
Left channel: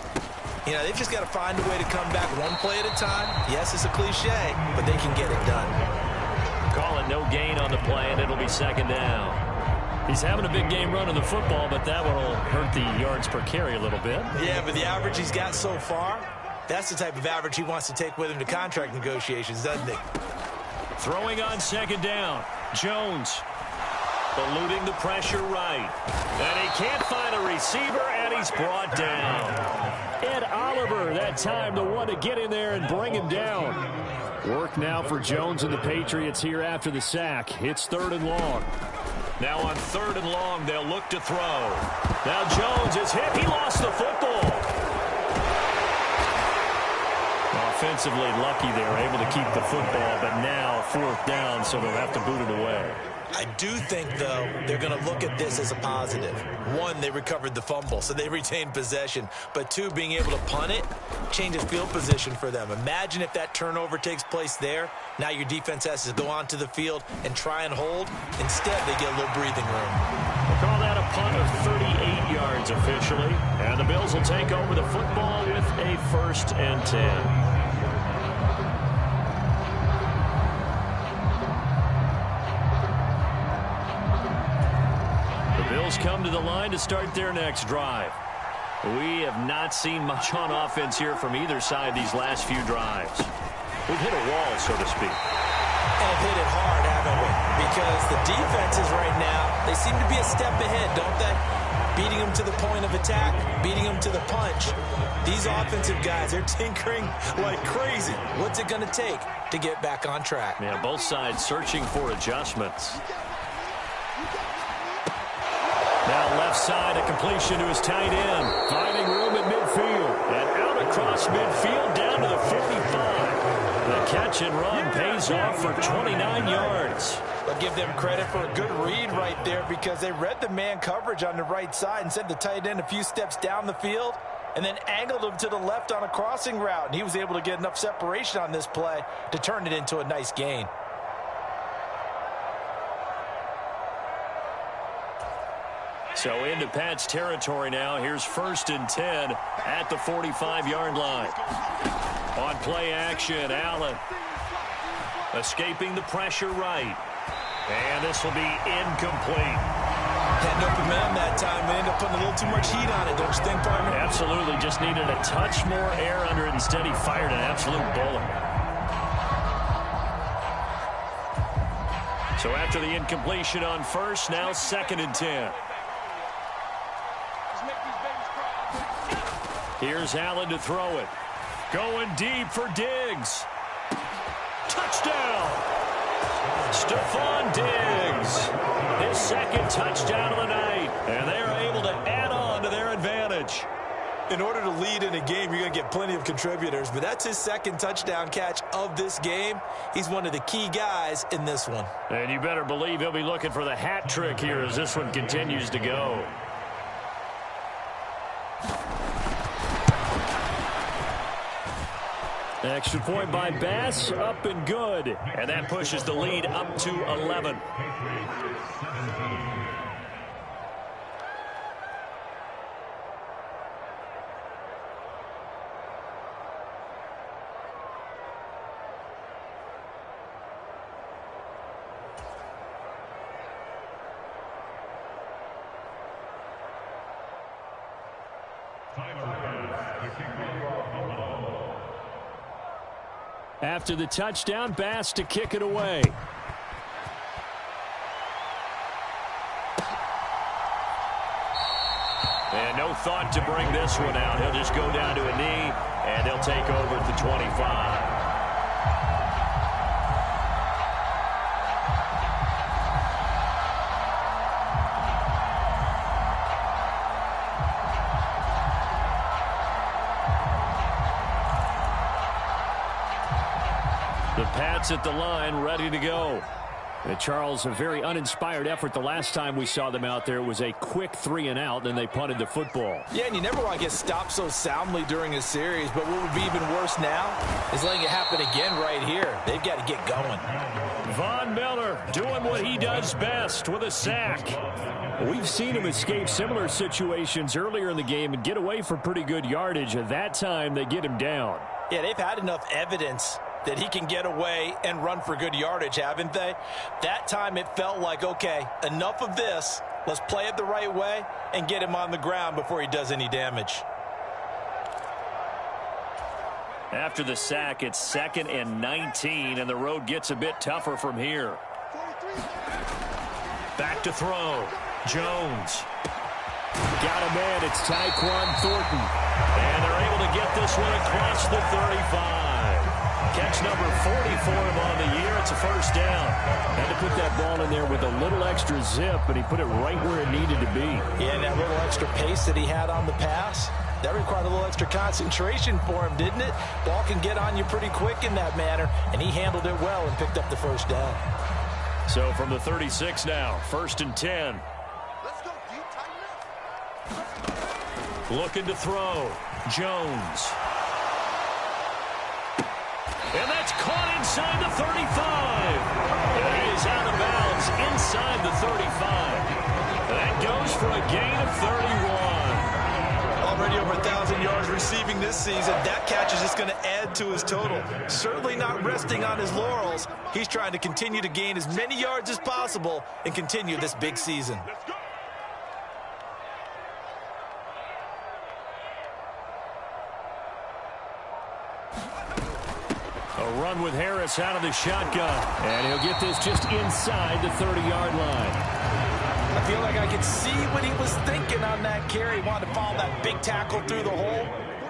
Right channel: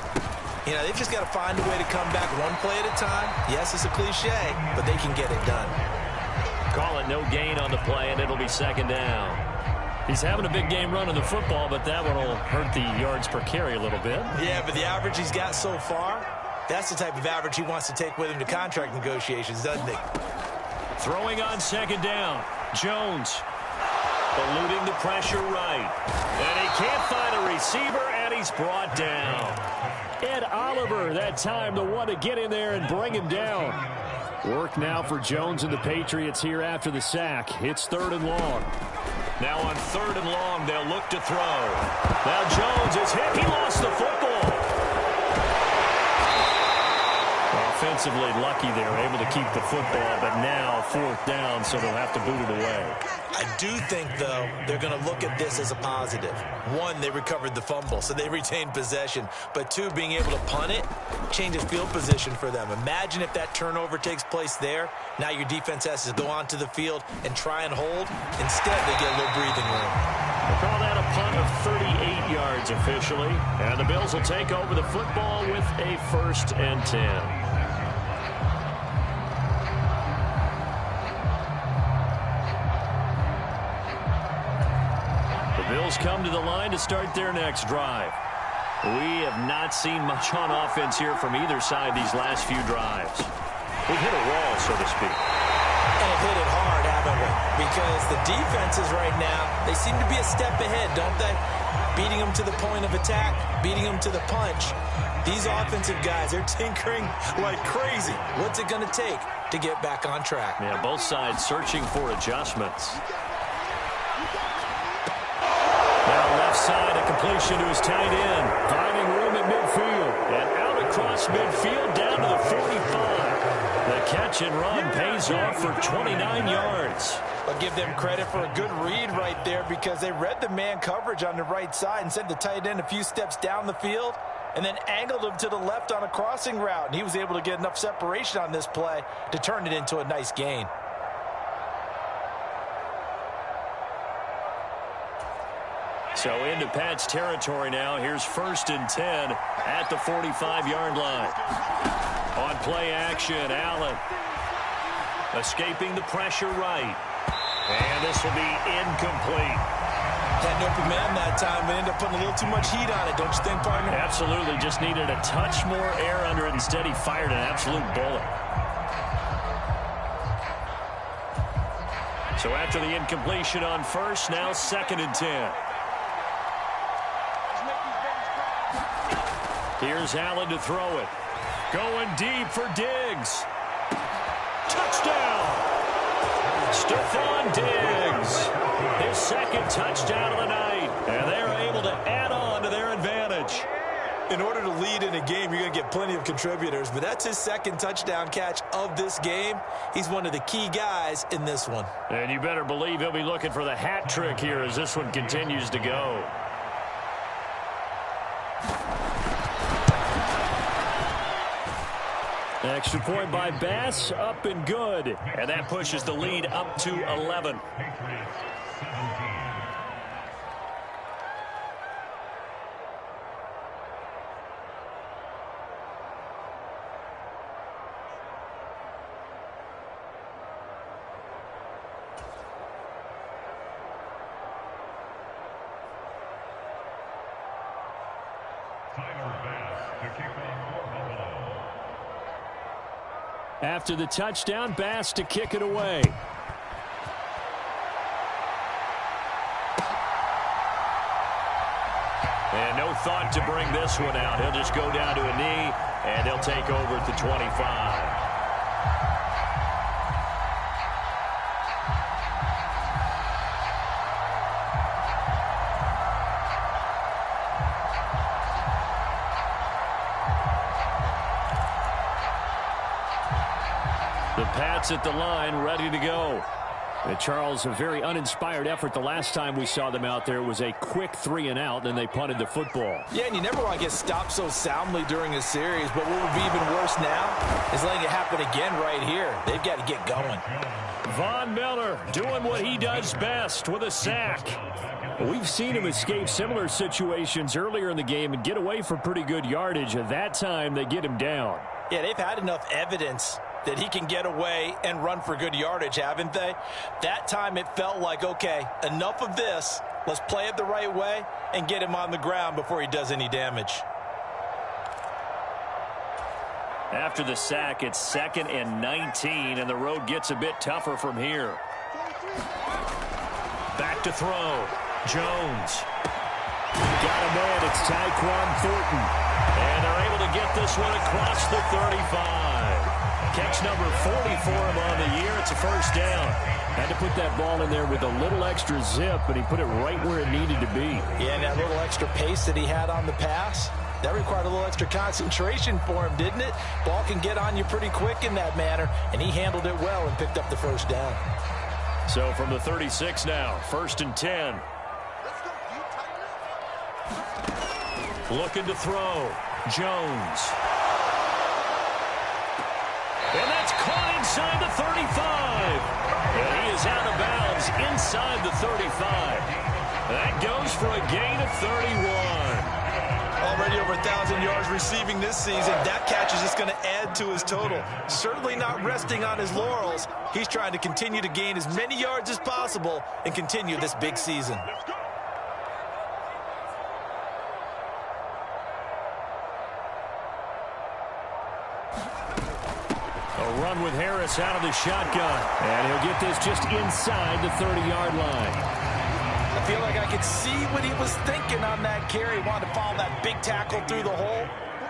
You know, they've just got to find a way to come back one play at a time. Yes, it's a cliche, but they can get it done. Call it no gain on the play, and it'll be 2nd down. He's having a big game running the football, but that one will hurt the yards per carry a little bit. Yeah, but the average he's got so far, that's the type of average he wants to take with him to contract negotiations, doesn't he? Throwing on 2nd down. Jones eluding the pressure right. And he can't find a receiver, and he's brought down. Ed Oliver, that time the one to get in there and bring him down. Work now for Jones and the Patriots here after the sack. It's 3rd and long. Now on 3rd and long, they'll look to throw. Now Jones is hit. He lost the football. Offensively lucky they were able to keep the football, but now 4th down, so they'll have to boot it away. I do think, though, they're going to look at this as a positive. 1, they recovered the fumble, so they retained possession. But 2, being able to punt it changes field position for them. Imagine if that turnover takes place there. Now your defense has to go onto the field and try and hold. Instead, they get a little breathing room. We'll call that a punt of 38 yards officially. And the Bills will take over the football with a 1st and 10. Bills come to the line to start their next drive. We have not seen much on offense here from either side these last few drives. We've hit a wall, so to speak. And have hit it hard, haven't we? Because the defenses right now, they seem to be a step ahead, don't they? Beating them to the point of attack, beating them to the punch. These offensive guys, they're tinkering like crazy. What's it going to take to get back on track? Yeah, both sides searching for adjustments. Now left side, a completion to his tight end. Finding room at midfield. And out across midfield down to the 45. The catch and run pays off for 29 yards. I'll give them credit for a good read right there because they read the man coverage on the right side and sent the tight end a few steps down the field and then angled him to the left on a crossing route. And he was able to get enough separation on this play to turn it into a nice gain. So into Pat's territory now. Here's 1st and 10 at the 45-yard line. On play action, Allen escaping the pressure right. And this will be incomplete. Had an open man that time, but ended up putting a little too much heat on it, don't you think, partner? Absolutely. Just needed a touch more air under it. Instead, he fired an absolute bullet. So after the incompletion on 1st, now 2nd and 10. Here's Allen to throw it. Going deep for Diggs. Touchdown! Stephon Diggs. His 2nd touchdown of the night. And they are able to add on to their advantage. In order to lead in a game, you're going to get plenty of contributors. But that's his 2nd touchdown catch of this game. He's one of the key guys in this one. And you better believe he'll be looking for the hat trick here as this one continues to go. Extra point by Bass, up and good. And that pushes the lead up to 11. After the touchdown, Bass to kick it away. And no thought to bring this one out. He'll just go down to a knee, and they'll take over at the 25. The Pats at the line, ready to go. And Charles, a very uninspired effort the last time we saw them out there. It was a quick 3-and-out, and they punted the football. Yeah, and you never want to get stopped so soundly during a series, but what would be even worse now is letting it happen again right here. They've got to get going. Von Miller doing what he does best with a sack. We've seen him escape similar situations earlier in the game and get away for pretty good yardage. At that time, they get him down. Yeah, they've had enough evidence that he can get away and run for good yardage, haven't they? That time it felt like, okay, enough of this. Let's play it the right way and get him on the ground before he does any damage. After the sack, it's 2nd and 19, and the road gets a bit tougher from here. Back to throw. Jones. Got a man. It's Tyquan Thornton. And they're able to get this one across the 35. Catch number 40 for him on the year. It's a first down. Had to put that ball in there with a little extra zip, but he put it right where it needed to be. Yeah, and that little extra pace that he had on the pass, that required a little extra concentration for him, didn't it? Ball can get on you pretty quick in that manner, and he handled it well and picked up the first down. So from the 36 now, 1st and 10. Let's go, D. Tighten up. Looking to throw. Jones. And that's caught inside the 35. And he is out of bounds inside the 35. That goes for a gain of 31. Already over 1,000 yards receiving this season. That catch is just going to add to his total. Certainly not resting on his laurels. He's trying to continue to gain as many yards as possible and continue this big season. A run with Harris out of the shotgun. And he'll get this just inside the 30-yard line. I feel like I could see what he was thinking on that carry. He wanted to follow that big tackle through the hole.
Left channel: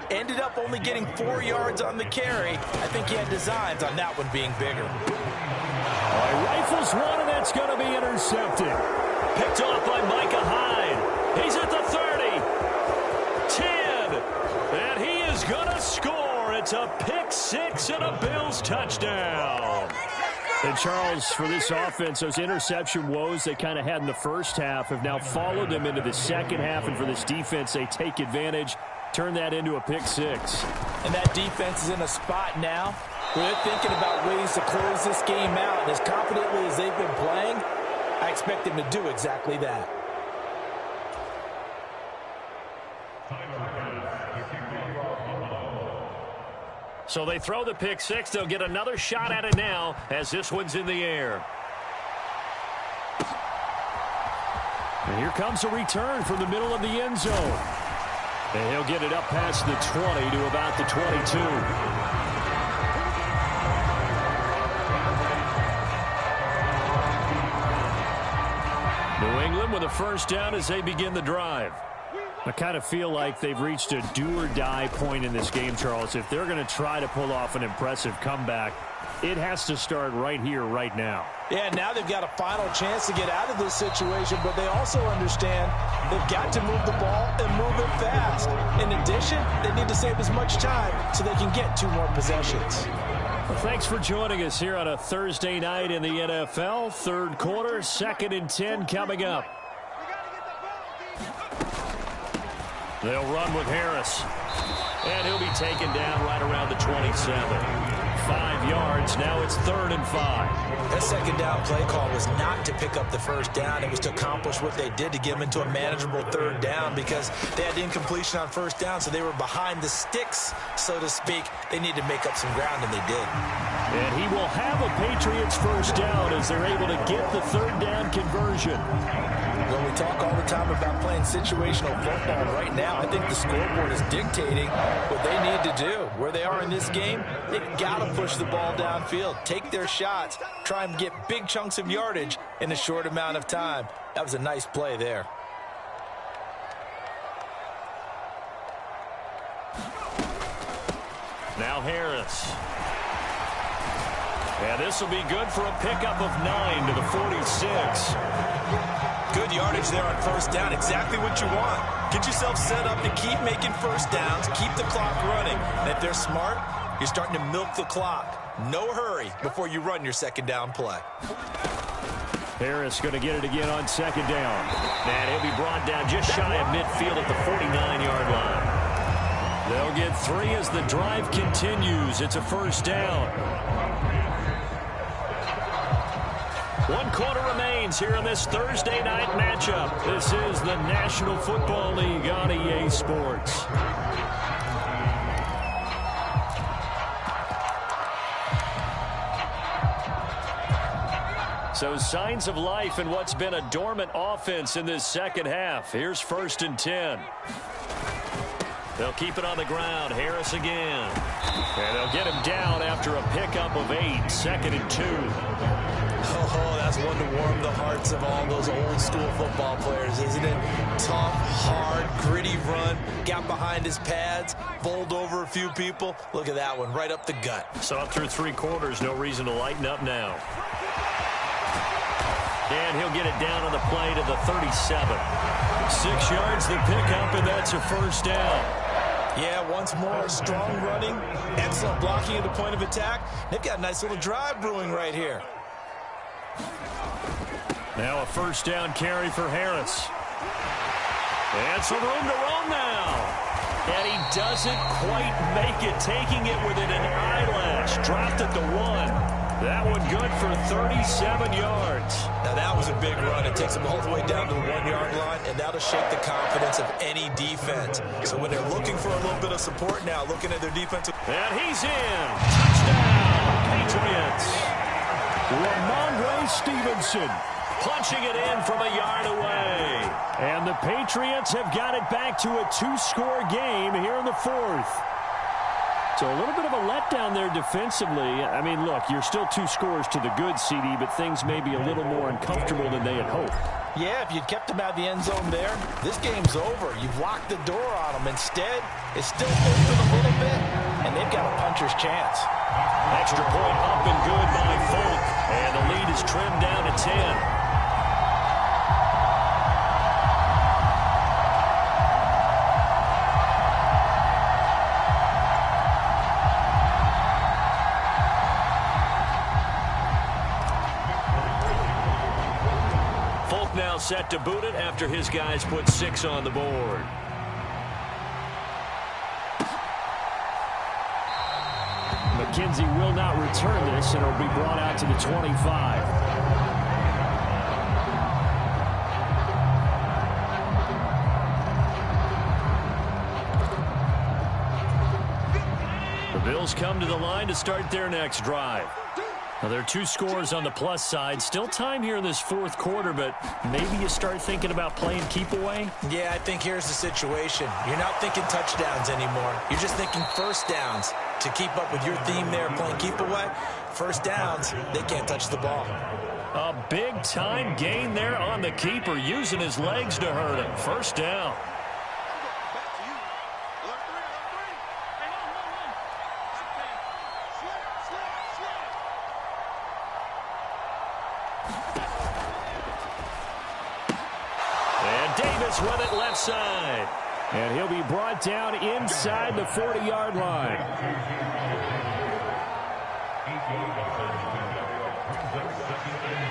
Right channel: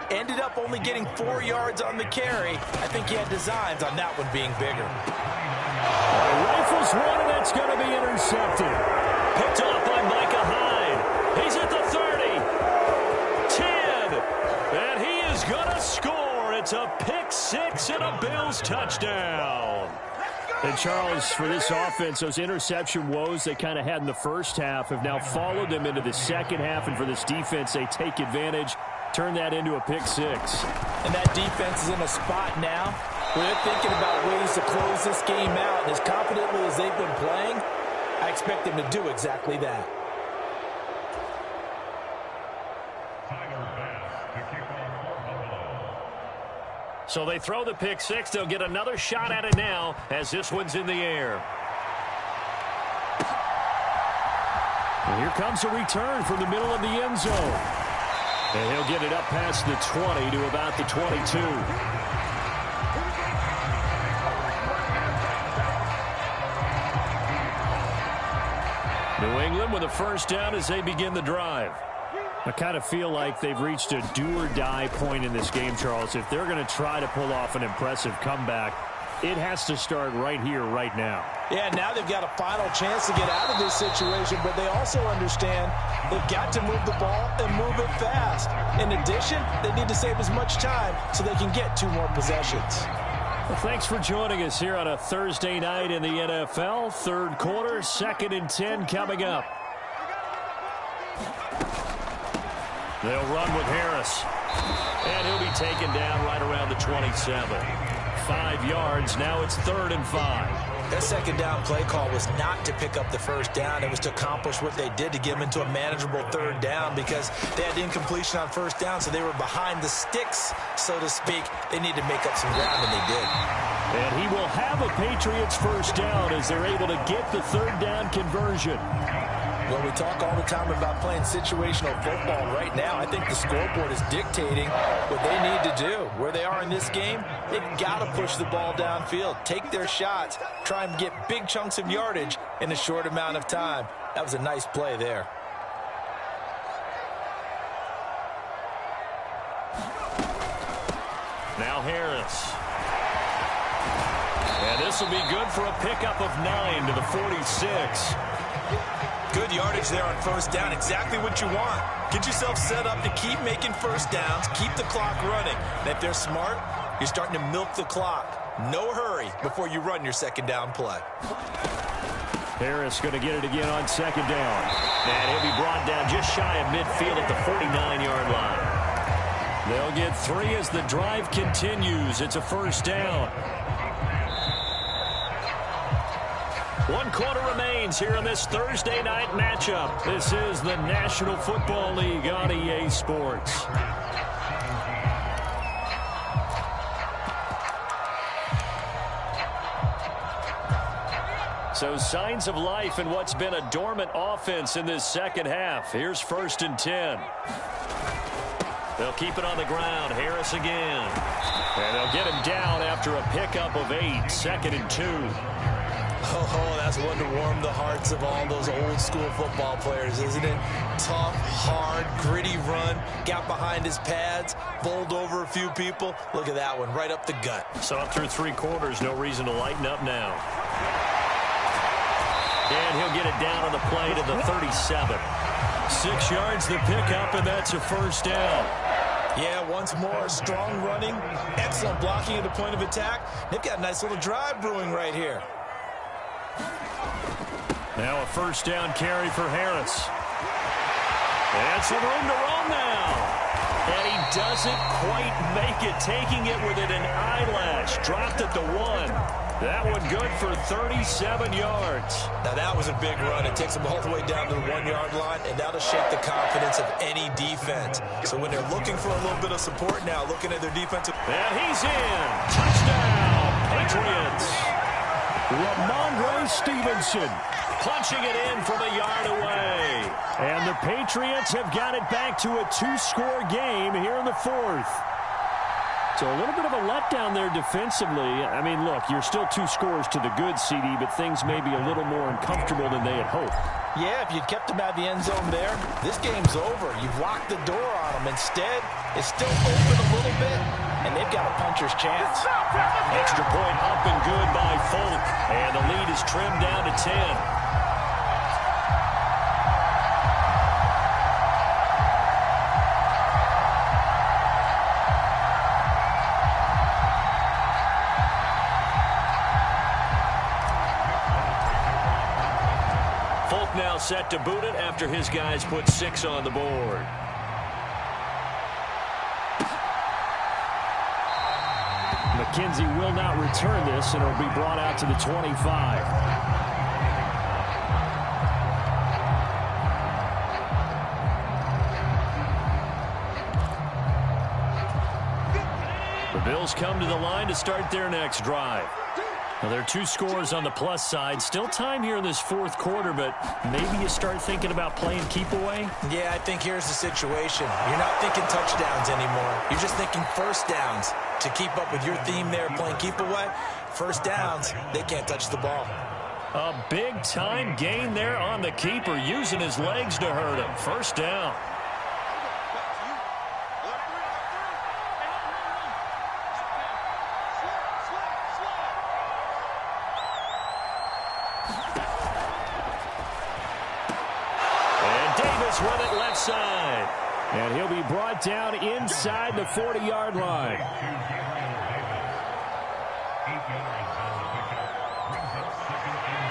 Ended up only getting 4 yards on the carry. I think he had designs on that one being bigger. He rifles one, and that's going to be intercepted. Picked off by Micah Hyde. He's at the 30. 10. And he is going to score. It's a pick six and a Bills touchdown. And Charles, for this offense, those interception woes they kind of had in the first half have now followed them into the second half. And for this defense, they take advantage, turn that into a pick six. And that defense is in a spot now where they're thinking about ways to close this game out. And as confidently as they've been playing, I expect them to do exactly that. So they throw the pick six. They'll get another shot at it now as this one's in the air. And here comes a return from the middle of the end zone. And he'll get it up past the 20 to about the 22. New England with a first down as they begin the drive. I kind of feel like they've reached a do-or-die point in this game, Charles. If they're going to try to pull off an impressive comeback, it has to start right here, right now. Yeah, now they've got a final chance to get out of this situation, but they also understand they've got to move the ball and move it fast. In addition, they need to save as much time so they can get 2 more possessions. Well, thanks for joining us here on a Thursday night in the NFL. Third quarter, 2nd and 10 coming up. They'll run with Harris. And he'll be taken down right around the 27. 5 yards. Now it's 3rd and 5. That second down play call was not to pick up the first down. It was to accomplish what they did, to get them into a manageable 3rd down, because they had incompletion on first down, so they were behind the sticks, so to speak. They needed to make up some ground, and they did. And he will have a Patriots first down as they're able to get the 3rd down conversion. Well, we talk all the time about playing situational football, and right now I think the scoreboard is dictating what they need to do. Where they are in this game, they've got to push the ball downfield, take their shots, try and get big chunks of yardage in a short amount of time. That was a nice play there. Now Harris. And this will be good for a pickup of 9 to the 46. Good yardage there on first down. Exactly what you want. Get yourself set up to keep making first downs, keep the clock running. And if they're smart, you're starting to milk the clock. No hurry before you run your second down play. Harris going to get it again on second down. And he'll be brought down just shy of midfield at the 49-yard line. They'll get 3 as the drive continues. It's a first down. 1 quarter remains here in this Thursday night matchup. This is the National Football League on EA Sports. So signs of life in what's been a dormant offense in this second half. Here's 1st and 10. They'll keep it on the ground. Harris again. And they'll get him down after a pickup of 8. 2nd and 2. Oh, that's one to warm the hearts of all those old school football players, isn't it? Tough, hard, gritty run, got behind his pads, bowled over a few people. Look at that one, right up the gut. So up through 3 quarters, no reason to lighten up now. And he'll get it down on the play to the 37. 6 yards the pickup, and that's a first down. Yeah, once more, strong running, excellent blocking at the point of attack. They've got a nice little drive brewing right here. Now a first down carry for Harris. And some room to roam now. And he doesn't quite make it, taking it within an eyelash. Dropped at the 1. That one good for 37 yards. Now that was a big run. It takes them all the way down to the 1-yard line, and that'll shake the confidence of any defense. So when they're looking for a little bit of support now, looking at their defensive... And he's in. Touchdown, Patriots. Ramondre Stevenson punching it in from a yard away. And the Patriots have got it back to a 2-score game here in the 4th. So a little bit of a letdown there defensively. I mean, look, you're still 2 scores to the good, CD, but things may be a little more uncomfortable than they had hoped. Yeah, if you'd kept them out of the end zone there, this game's over. You've locked the door on them. Instead, it's still open a little bit, and they've got a puncher's chance. Extra point up and good by Folk, and the lead is trimmed down to 10. Folk now set to boot it after his guys put 6 on the board. McKenzie will not return this, and it'll be brought out to the 25. The Bills come to the line to start their next drive. Now, there are 2 scores on the plus side. Still time here in this 4th quarter, but maybe you start thinking about playing keep away? Yeah, I think here's the situation. You're not thinking touchdowns anymore. You're just thinking first downs. To keep up with your theme there, playing keep away, first downs, they can't touch the ball. A big-time gain there on the keeper, using his legs to hurt him. First down. And Davis with it left side. And he'll be brought down inside the 40-yard line.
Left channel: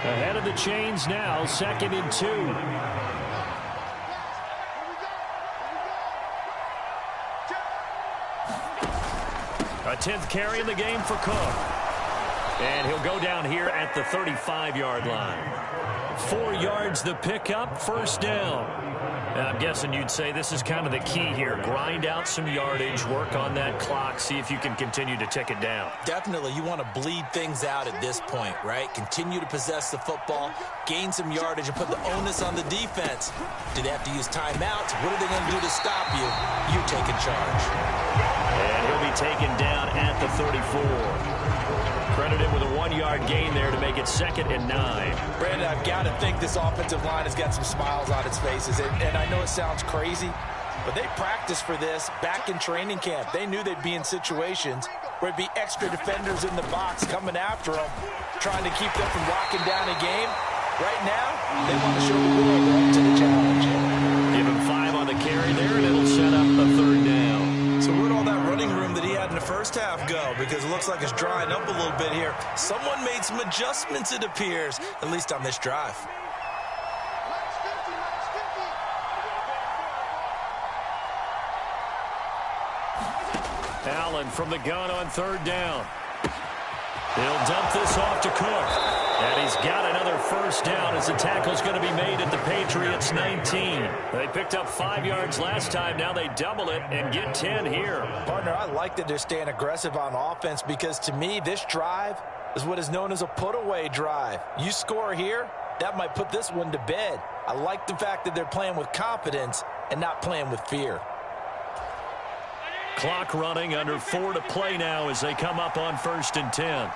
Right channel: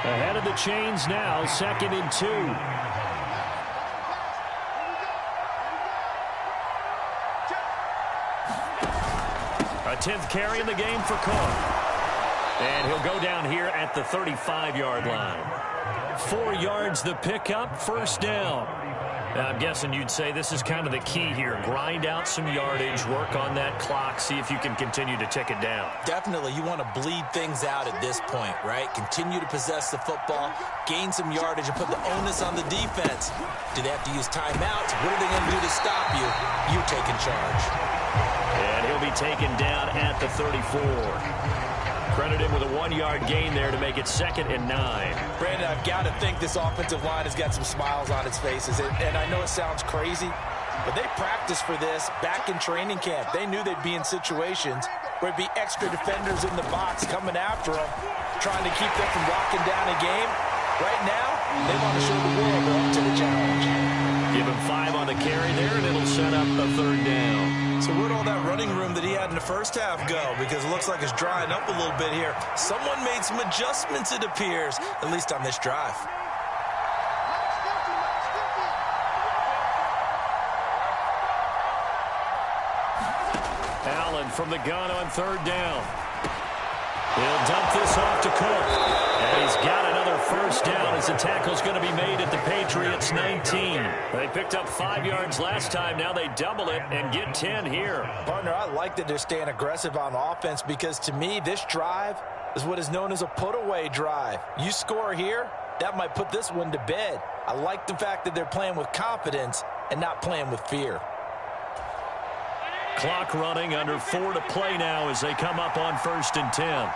Ahead of the chains now, 2nd and 2. A 10th carry in the game for Cook. And he'll go down here at the 35-yard line. 4 yards the pickup, first down. Now, I'm guessing you'd say this is kind of the key here. Grind out some yardage, work on that clock, see if you can continue to tick it down. Definitely, you want to bleed things out at this point, right? Continue to possess the football, gain some yardage, and put the onus on the defense. Do they have to use timeouts? What are they going to do to stop you? You take in charge. And he'll be taken down at the 34. Credit him with a 1-yard gain there to make it 2nd and 9. Brandon, I've got to think this offensive line has got some smiles on its faces. And I know it sounds crazy, but they practiced for this back in training camp. They knew they'd be in situations where it'd be extra defenders in the box coming after them, trying to keep them from locking down a game. Right now, they want to show the world they're up to the challenge. Give him 5 on the carry there, and it'll set up a 3rd down. So where'd all that running room that he had in the first half go? Because it looks like it's drying up a little bit here. Someone made some adjustments, it appears, at least on this drive. Allen from the gun on 3rd down. He'll dump this off to Cook. And he's got another first down as the tackle's going to be made at the Patriots' 19. They picked up 5 yards last time. Now they double it and get 10 here. Partner, I like that they're staying aggressive on offense because, to me, this drive is what is known as a put-away drive. You score here, that might put this one to bed. I like the fact that they're playing with confidence and not playing with fear. Clock running, under 4 to play now as they come up on 1st and 10.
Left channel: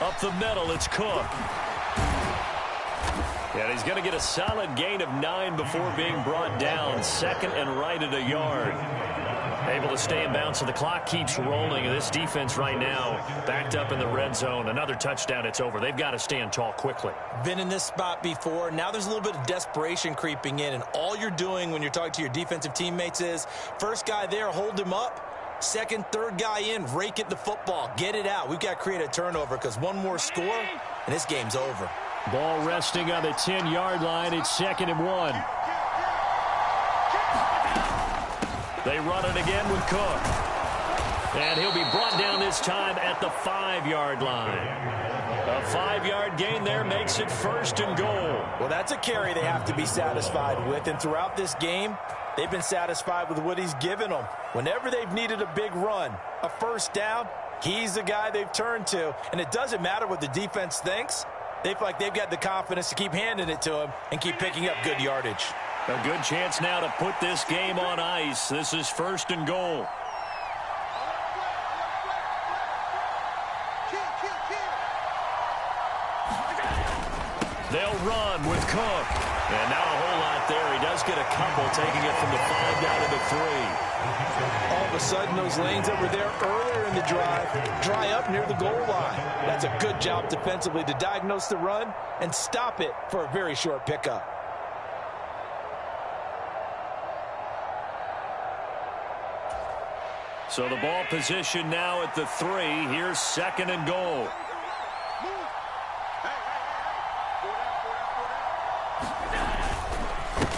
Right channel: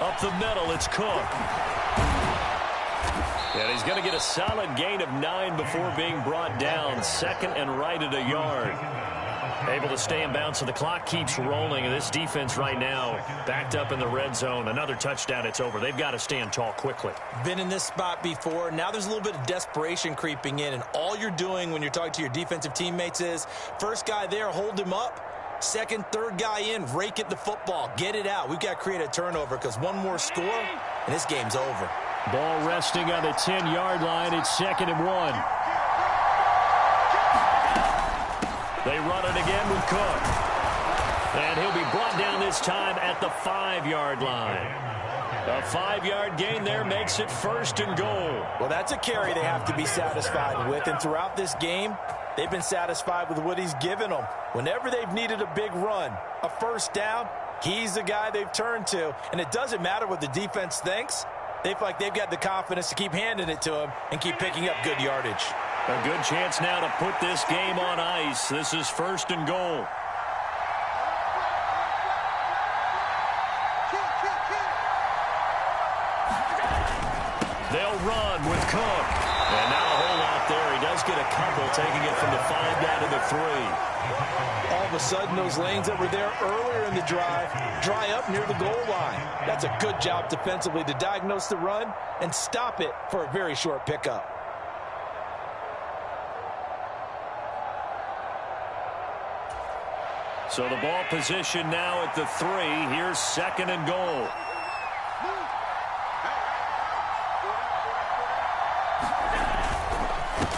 Up the middle, it's Cook. And he's going to get a solid gain of 9 before being brought down. 2nd and right at a yard. Able to stay in bounds, so the clock keeps rolling. And this defense right now backed up in the red zone. Another touchdown, it's over. They've got to stand tall quickly. Been in this spot before. Now there's a little bit of desperation creeping in. And all you're doing when you're talking to your defensive teammates is, first guy there, hold him up. 2nd, 3rd guy in, rake at the football. Get it out. We've got to create a turnover because one more score, and this game's over. Ball resting on the 10-yard line. It's 2nd and 1. They run it again with Cook. And he'll be brought down this time at the 5-yard line. A 5-yard gain there makes it 1st and goal. Well, that's a carry they have to be satisfied with. And throughout this game, they've been satisfied with what he's given them. Whenever they've needed a big run, a first down, he's the guy they've turned to. And it doesn't matter what the defense thinks. They feel like they've got the confidence to keep handing it to him and keep picking up good yardage. A good chance now to put this game on ice. This is 1st and goal. They'll run with Cook. And not a whole lot there. He does get a couple, taking it from the 5 down to the 3. All of a sudden, those lanes that were there earlier in the drive dry up near the goal line. That's a good job defensively to diagnose the run and stop it for a very short pickup. So the ball position now at the 3. Here's 2nd and goal.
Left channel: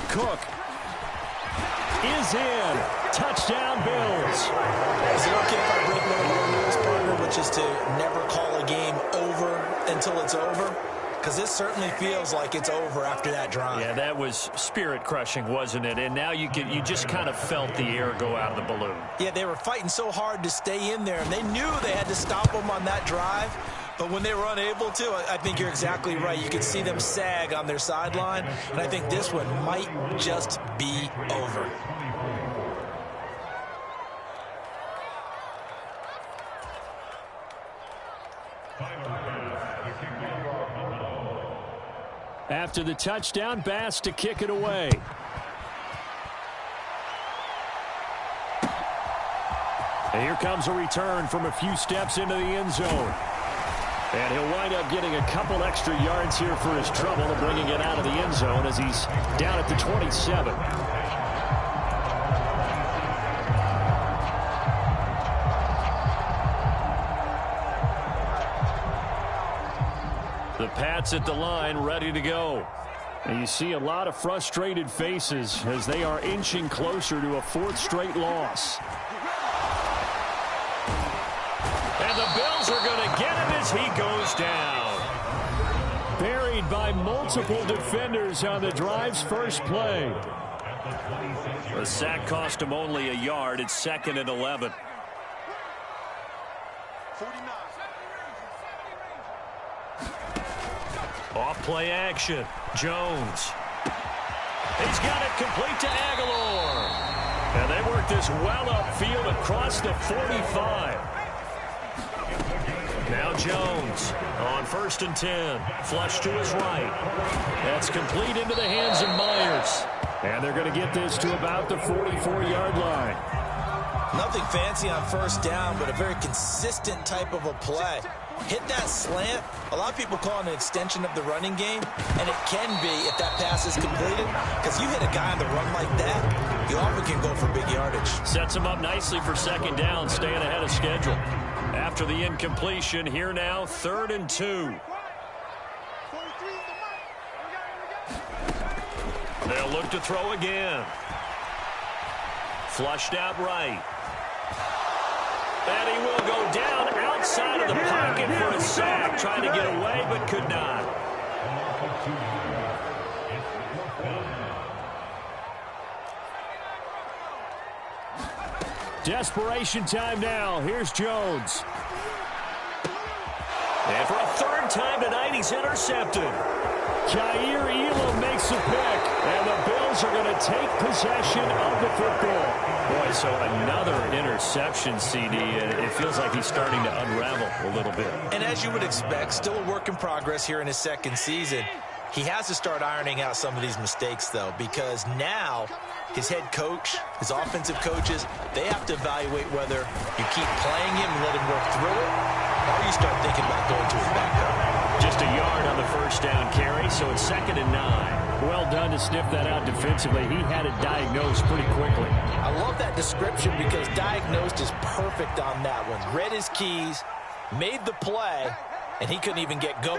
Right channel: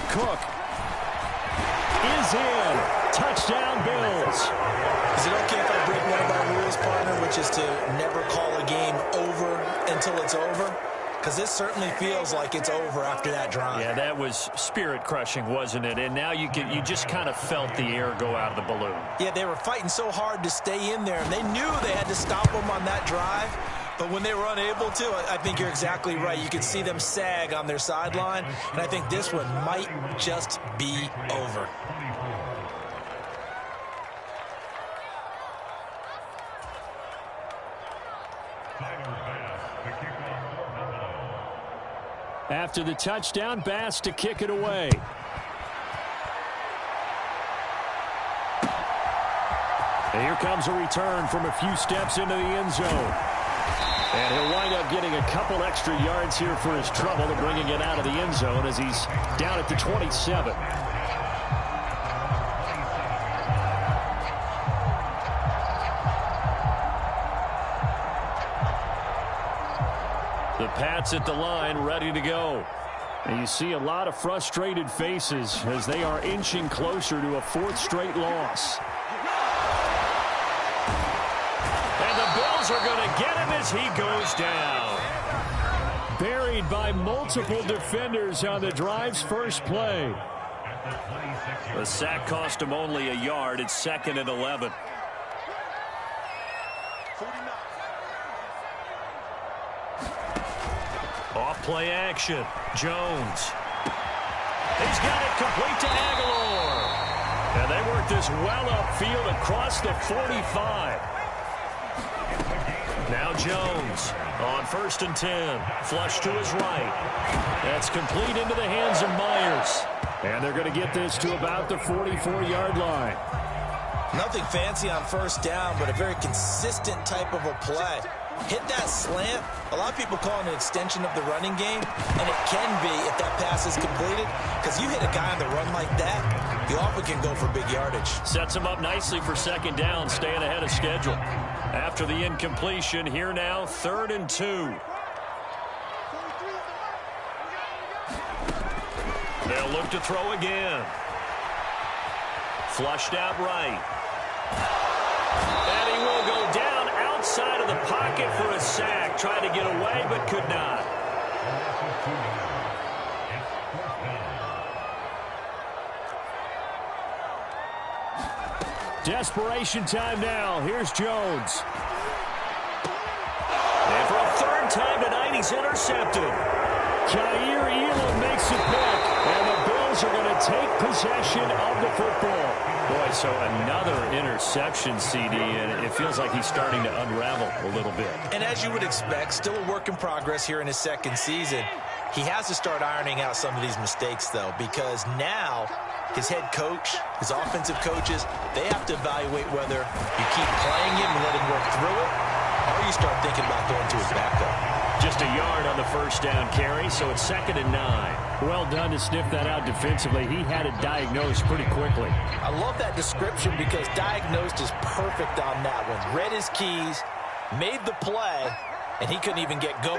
Cook is in. Touchdown, Bills. Is it okay if I break one of our rules, partner, which is to never call a game over until it's over? Because this certainly feels like it's over after that drive. Yeah, that was spirit-crushing, wasn't it? And now you just kind of felt the air go out of the balloon. Yeah, they were fighting so hard to stay in there, and they knew they had to stop them on that drive. But when they were unable to, I think you're exactly right. You could see them sag on their sideline, and I think this one might just be over. After the touchdown, Bass to kick it away. And here comes a return from a few steps into the end zone. And he'll wind up getting a couple extra yards here for his trouble and bringing it out of the end zone as he's down at the 27. The Pats at the line, ready to go. And you see a lot of frustrated faces as they are inching closer to a 4th straight loss. And the Bills are going to get him as he goes down. Buried by multiple defenders on the drive's first play. The sack cost him only a yard. It's 2nd and 11. Off play action. Jones. He's got it complete to Aguilar. And they work this well upfield across the 45. Now Jones on 1st and 10. Flush to his right. That's complete into the hands of Myers. And they're going to get this to about the 44-yard line. Nothing fancy on 1st down, but a very consistent type of a play. Hit that slant. A lot of people call it an extension of the running game, and it can be if that pass is completed, because you hit a guy on the run like that, you often can go for big yardage. Sets him up nicely for 2nd down, staying ahead of schedule. After the incompletion, here now, 3rd and 2. They'll look to throw again. Flushed out right. And he will go down outside of the pocket for a sack. Trying to get away, but could not. Desperation time now. Here's Jones. And for a 3rd time tonight, he's intercepted. Jair Elam makes a pick, and the Bills are going to take possession of the football. Boy, so another interception, CD, and it feels like he's starting to unravel a little bit. And as you would expect, still a work in progress here in his 2nd season. He has to start ironing out some of these mistakes, though, because now his head coach, his offensive coaches, they have to evaluate whether you keep playing him and let him work through it, or you start thinking about going to his backup. Just a yard on the 1st down carry, so it's 2nd and 9. Well done to sniff that out defensively. He had it diagnosed pretty quickly. I love that description because diagnosed is perfect on that one. Read his keys, made the play, and he couldn't even get going.